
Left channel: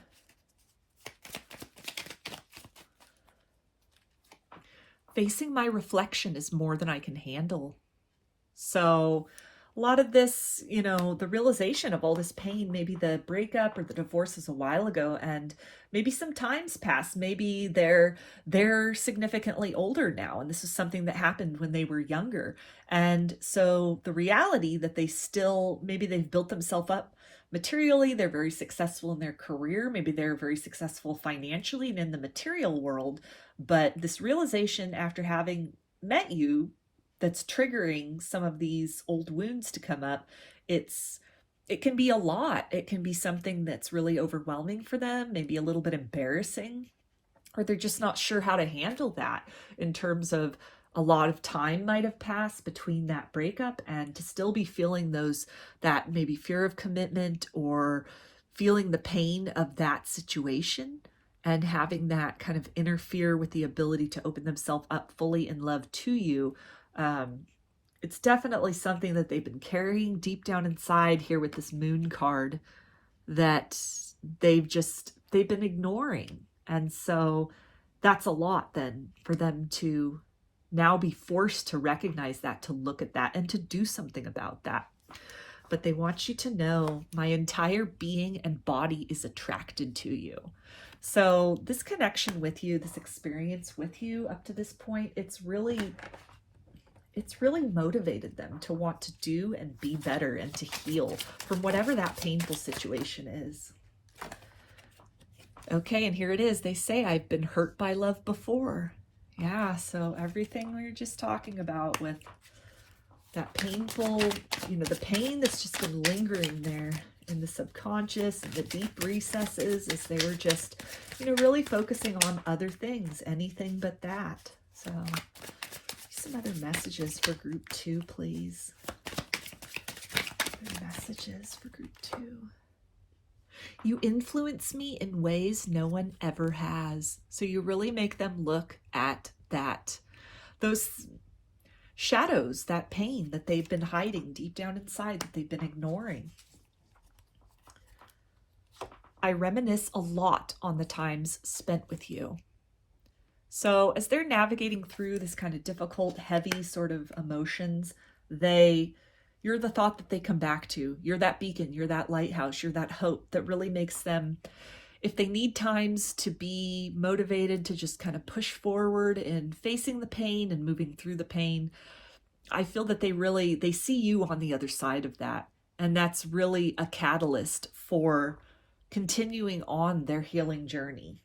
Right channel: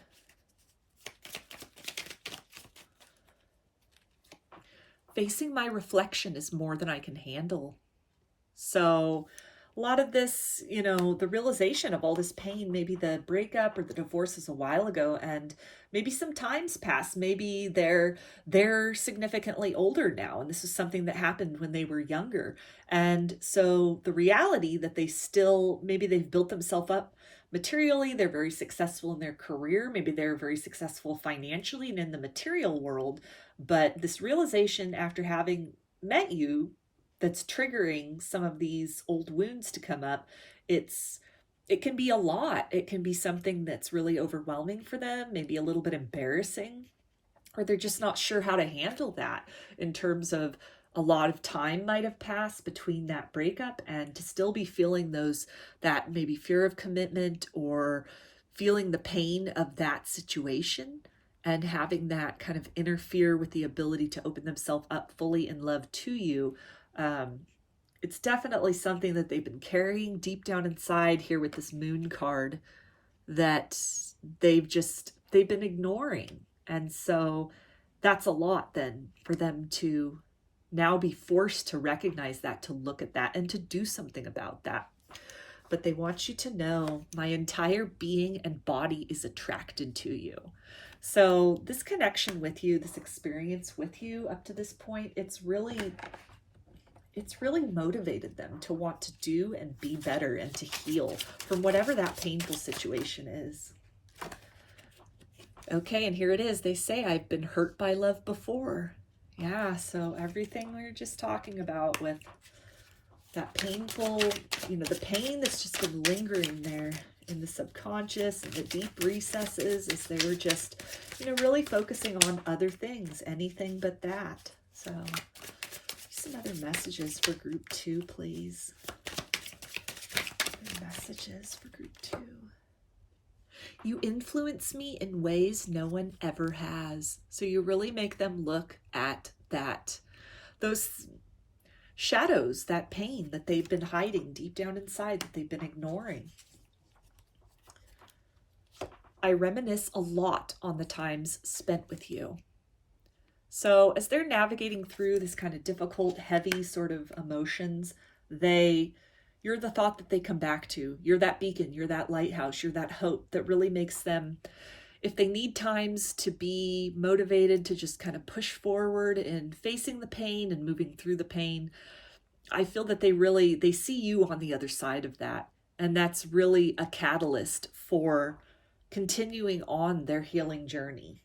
Facing my reflection is more than I can handle. So a lot of this, you know, the realization of all this pain, maybe the breakup or the divorce was a while ago, and maybe some time's passed. Maybe they're significantly older now, and this is something that happened when they were younger. And so the reality that they still, maybe they've built themselves up materially, they're very successful in their career, maybe they're very successful financially and in the material world, but this realization after having met you that's triggering some of these old wounds to come up, it can be a lot. It can be something that's really overwhelming for them, maybe a little bit embarrassing, or they're just not sure how to handle that in terms of a lot of time might have passed between that breakup and to still be feeling that maybe fear of commitment or feeling the pain of that situation and having that kind of interfere with the ability to open themselves up fully in love to you. It's definitely something that they've been carrying deep down inside here with this moon card that they've been ignoring. And so that's a lot then for them to now be forced to recognize that, to look at that, and to do something about that. But they want you to know my entire being and body is attracted to you. So this connection with you, this experience with you up to this point, it's really motivated them to want to do and be better and to heal from whatever that painful situation is. Okay, and here it is. They say, I've been hurt by love before. Yeah, so everything we were just talking about with that painful, you know, the pain that's just been lingering there in the subconscious and the deep recesses as they were just, you know, really focusing on other things, anything but that. So some other messages for group 2, please. Other messages for group 2. You influence me in ways no one ever has. So you really make them look at those shadows, that pain that they've been hiding deep down inside, that they've been ignoring. I reminisce a lot on the times spent with you. So as they're navigating through this kind of difficult, heavy sort of emotions, you're the thought that they come back to. You're that beacon, you're that lighthouse, you're that hope that really makes them, if they need times to be motivated to just kind of push forward in facing the pain and moving through the pain, I feel that they see you on the other side of that. And that's really a catalyst for continuing on their healing journey.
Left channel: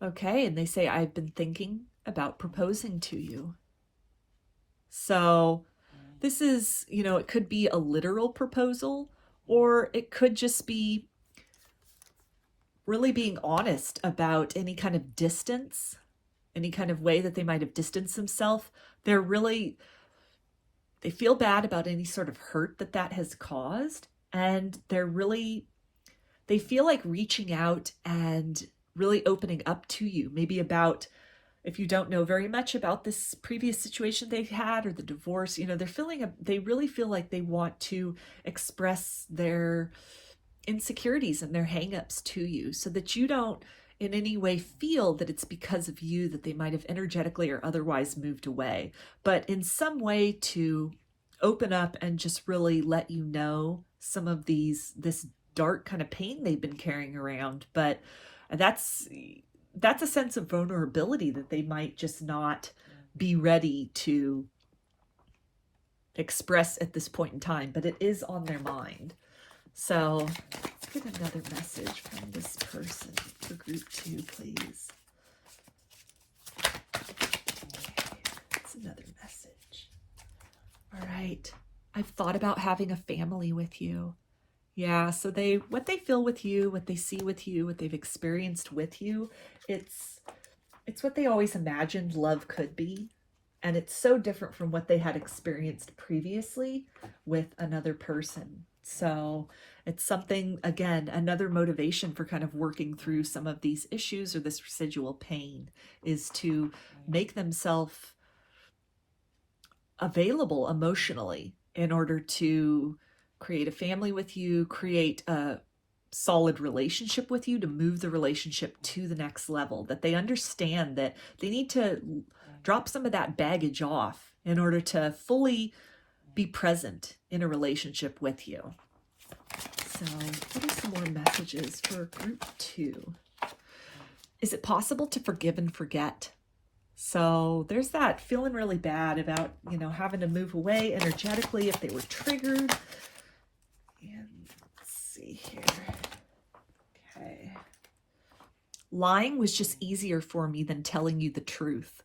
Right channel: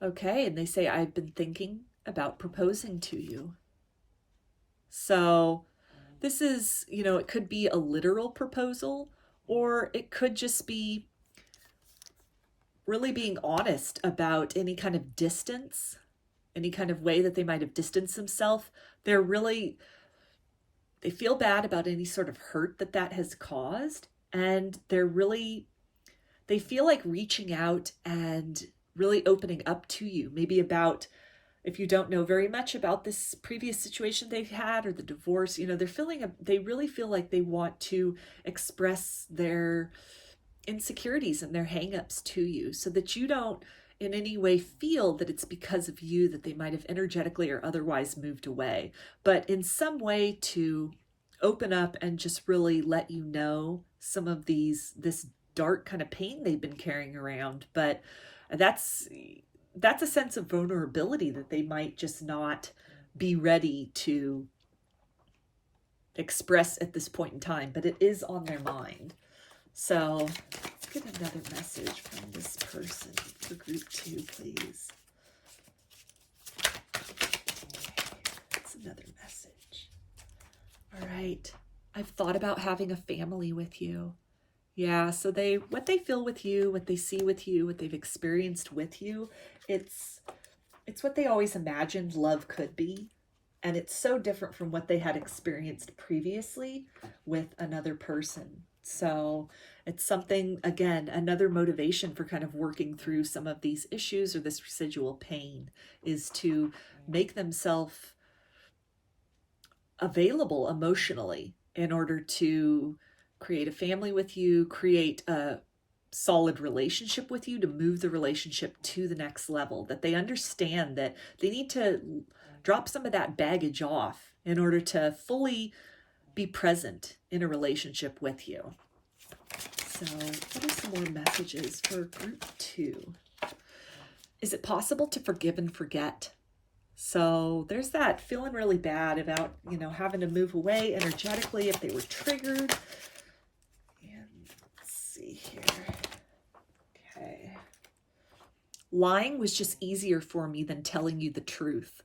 Okay, and they say, I've been thinking about proposing to you. So this is, you know, it could be a literal proposal, or it could just be really being honest about any kind of distance, any kind of way that they might have distanced themselves. They feel bad about any sort of hurt that has caused, and they feel like reaching out and really opening up to you, maybe about, if you don't know very much about this previous situation they've had or the divorce, you know, they really feel like they want to express their insecurities and their hangups to you, so that you don't in any way feel that it's because of you that they might have energetically or otherwise moved away, but in some way to open up and just really let you know some of this dark kind of pain they've been carrying around. But that's a sense of vulnerability that they might just not be ready to express at this point in time, but it is on their mind. So let's get another message from this person for group 2, please. That's another message. All right. I've thought about having a family with you. Yeah, so what they feel with you, what they see with you, what they've experienced with you, it's what they always imagined love could be. And it's so different from what they had experienced previously with another person. So it's something, again, another motivation for kind of working through some of these issues or this residual pain is to make themselves available emotionally in order to create a family with you, create a solid relationship with you, to move the relationship to the next level, that they understand that they need to drop some of that baggage off in order to fully be present in a relationship with you. So what are some more messages for group 2? Is it possible to forgive and forget? So there's that feeling really bad about, having to move away energetically if they were triggered. And let's see here. Okay. Lying was just easier for me than telling you the truth.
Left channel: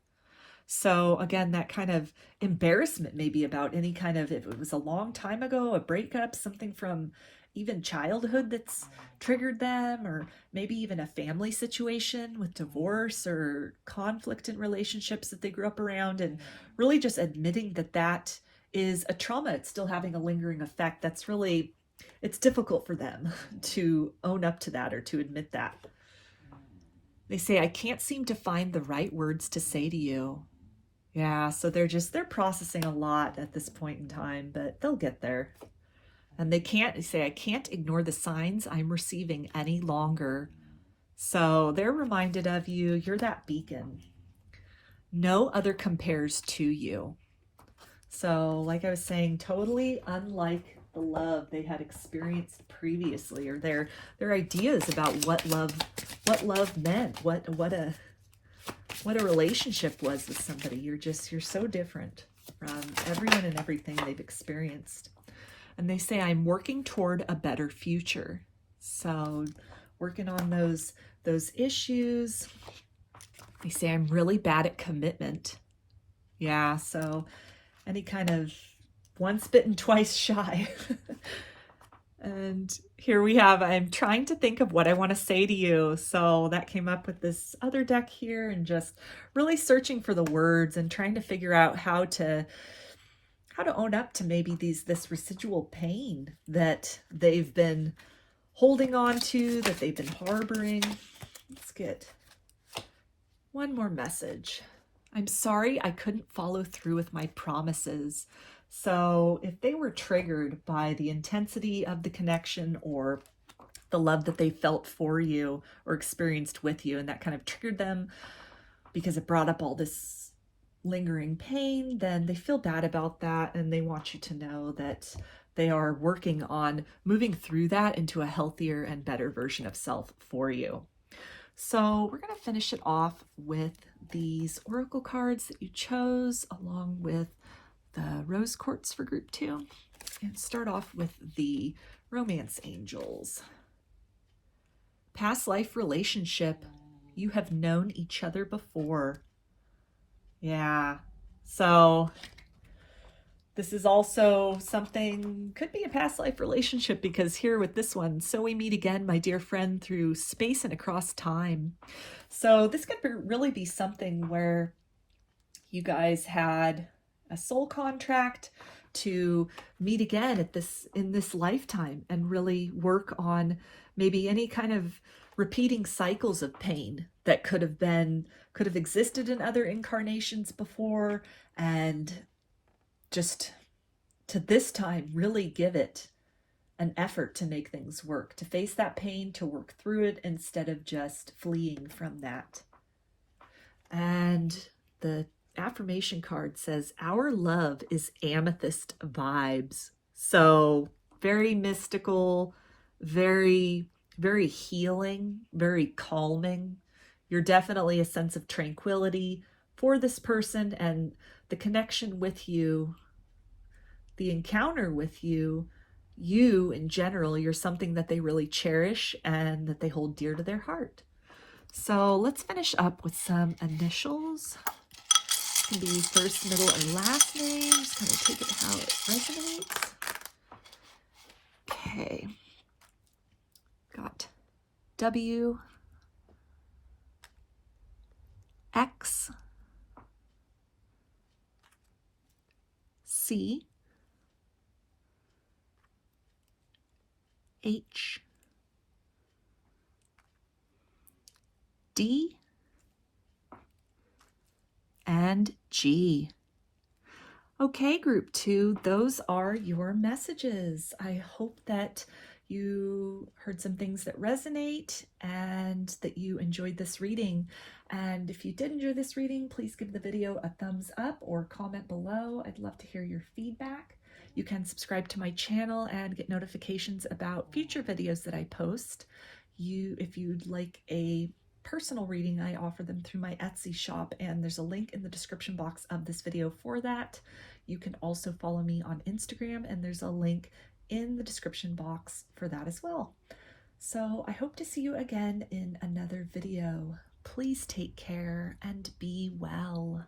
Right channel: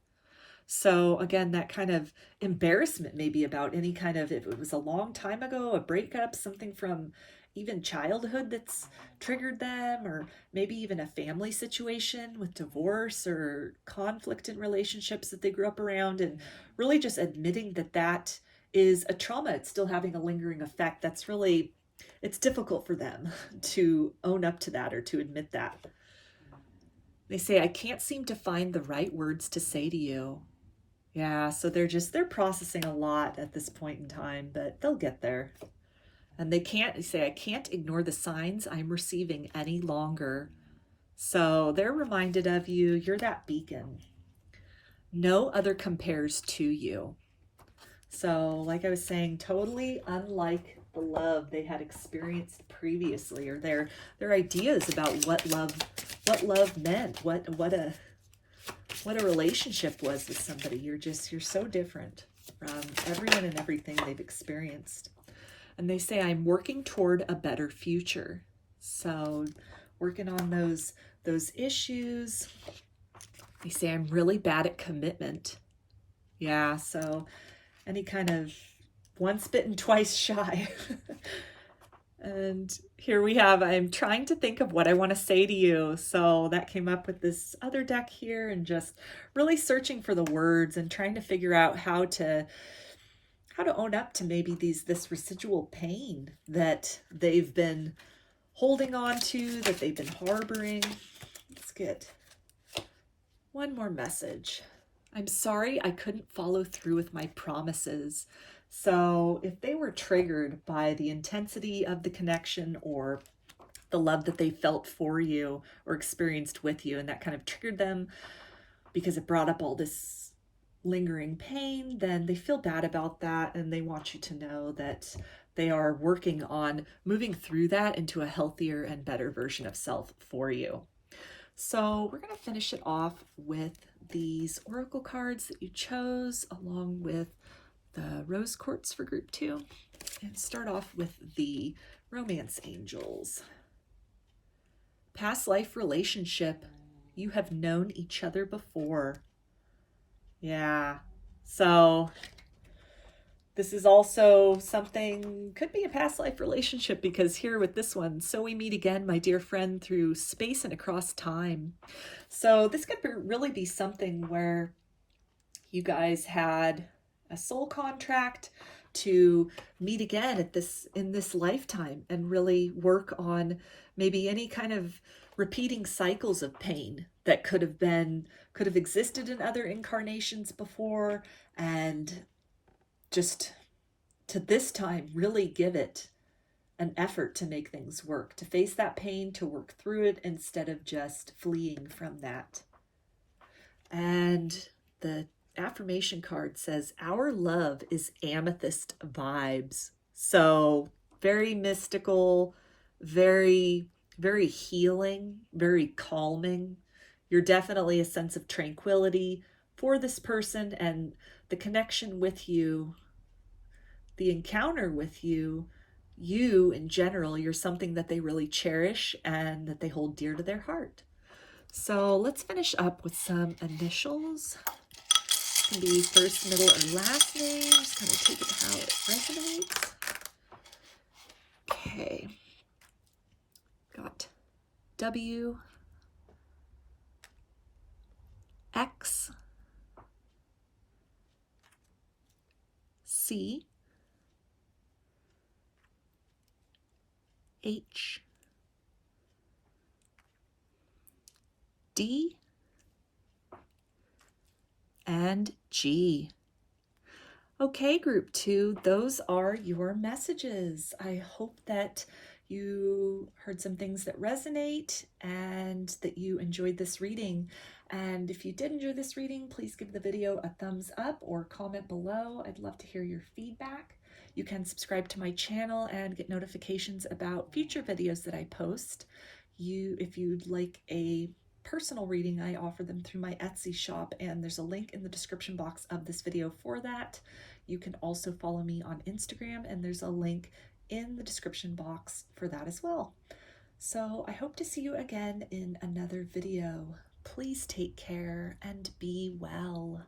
So again, that kind of embarrassment maybe about any kind of, if it was a long time ago, a breakup, something from even childhood that's triggered them, or maybe even a family situation with divorce or conflict in relationships that they grew up around, and really just admitting that that is a trauma. It's still having a lingering effect. That's really, it's difficult for them to own up to that or to admit that. They say, I can't seem to find the right words to say to you. Yeah, so they're processing a lot at this point in time, but they'll get there. And they say, I can't ignore the signs I'm receiving any longer. So they're reminded of you. You're that beacon. No other compares to you. So like I was saying, totally unlike the love they had experienced previously, or their ideas about what love meant, what a relationship was with somebody. You're so different from everyone and everything they've experienced. And they say, I'm working toward a better future. So working on those issues. They say, I'm really bad at commitment. Yeah, so any kind of once bitten, twice shy. And here we have, I'm trying to think of what I want to say to you. So that came up with this other deck here, and just really searching for the words and trying to figure out how to own up to maybe this residual pain that they've been holding on to, that they've been harboring. Let's get one more message. I'm sorry I couldn't follow through with my promises. So if they were triggered by the intensity of the connection or the love that they felt for you or experienced with you, and that kind of triggered them because it brought up all this lingering pain, then they feel bad about that, and they want you to know that they are working on moving through that into a healthier and better version of self for you. So we're going to finish it off with these oracle cards that you chose, along with the rose quartz for group 2, and start off with the romance angels. Past life relationship. You have known each other before. Yeah, so this is also something, could be a past life relationship, because here with this one, so we meet again, my dear friend, through space and across time. So this could really be something where you guys had a soul contract to meet again in this lifetime, and really work on maybe any kind of repeating cycles of pain that could have existed in other incarnations before, and just to this time really give it an effort to make things work, to face that pain, to work through it instead of just fleeing from that. And the affirmation card says, our love is amethyst vibes. So very mystical, very, very healing, very calming. You're definitely a sense of tranquility for this person, and the connection with you, the encounter with you in general, you're something that they really cherish and that they hold dear to their heart. So let's finish up with some initials. It can be first, middle, and last name. Just kind of take it how it resonates. Okay. Got W, X, C, H, D, and G. Okay, group 2, those are your messages. I hope that you heard some things that resonate and that you enjoyed this reading. And if you did enjoy this reading, please give the video a thumbs up or comment below. I'd love to hear your feedback. You can subscribe to my channel and get notifications about future videos that I post. If you'd like a personal reading, I offer them through my Etsy shop, and there's a link in the description box of this video for that. You can also follow me on Instagram, and there's a link in the description box for that as well. So I hope to see you again in another video. Please take care and be well.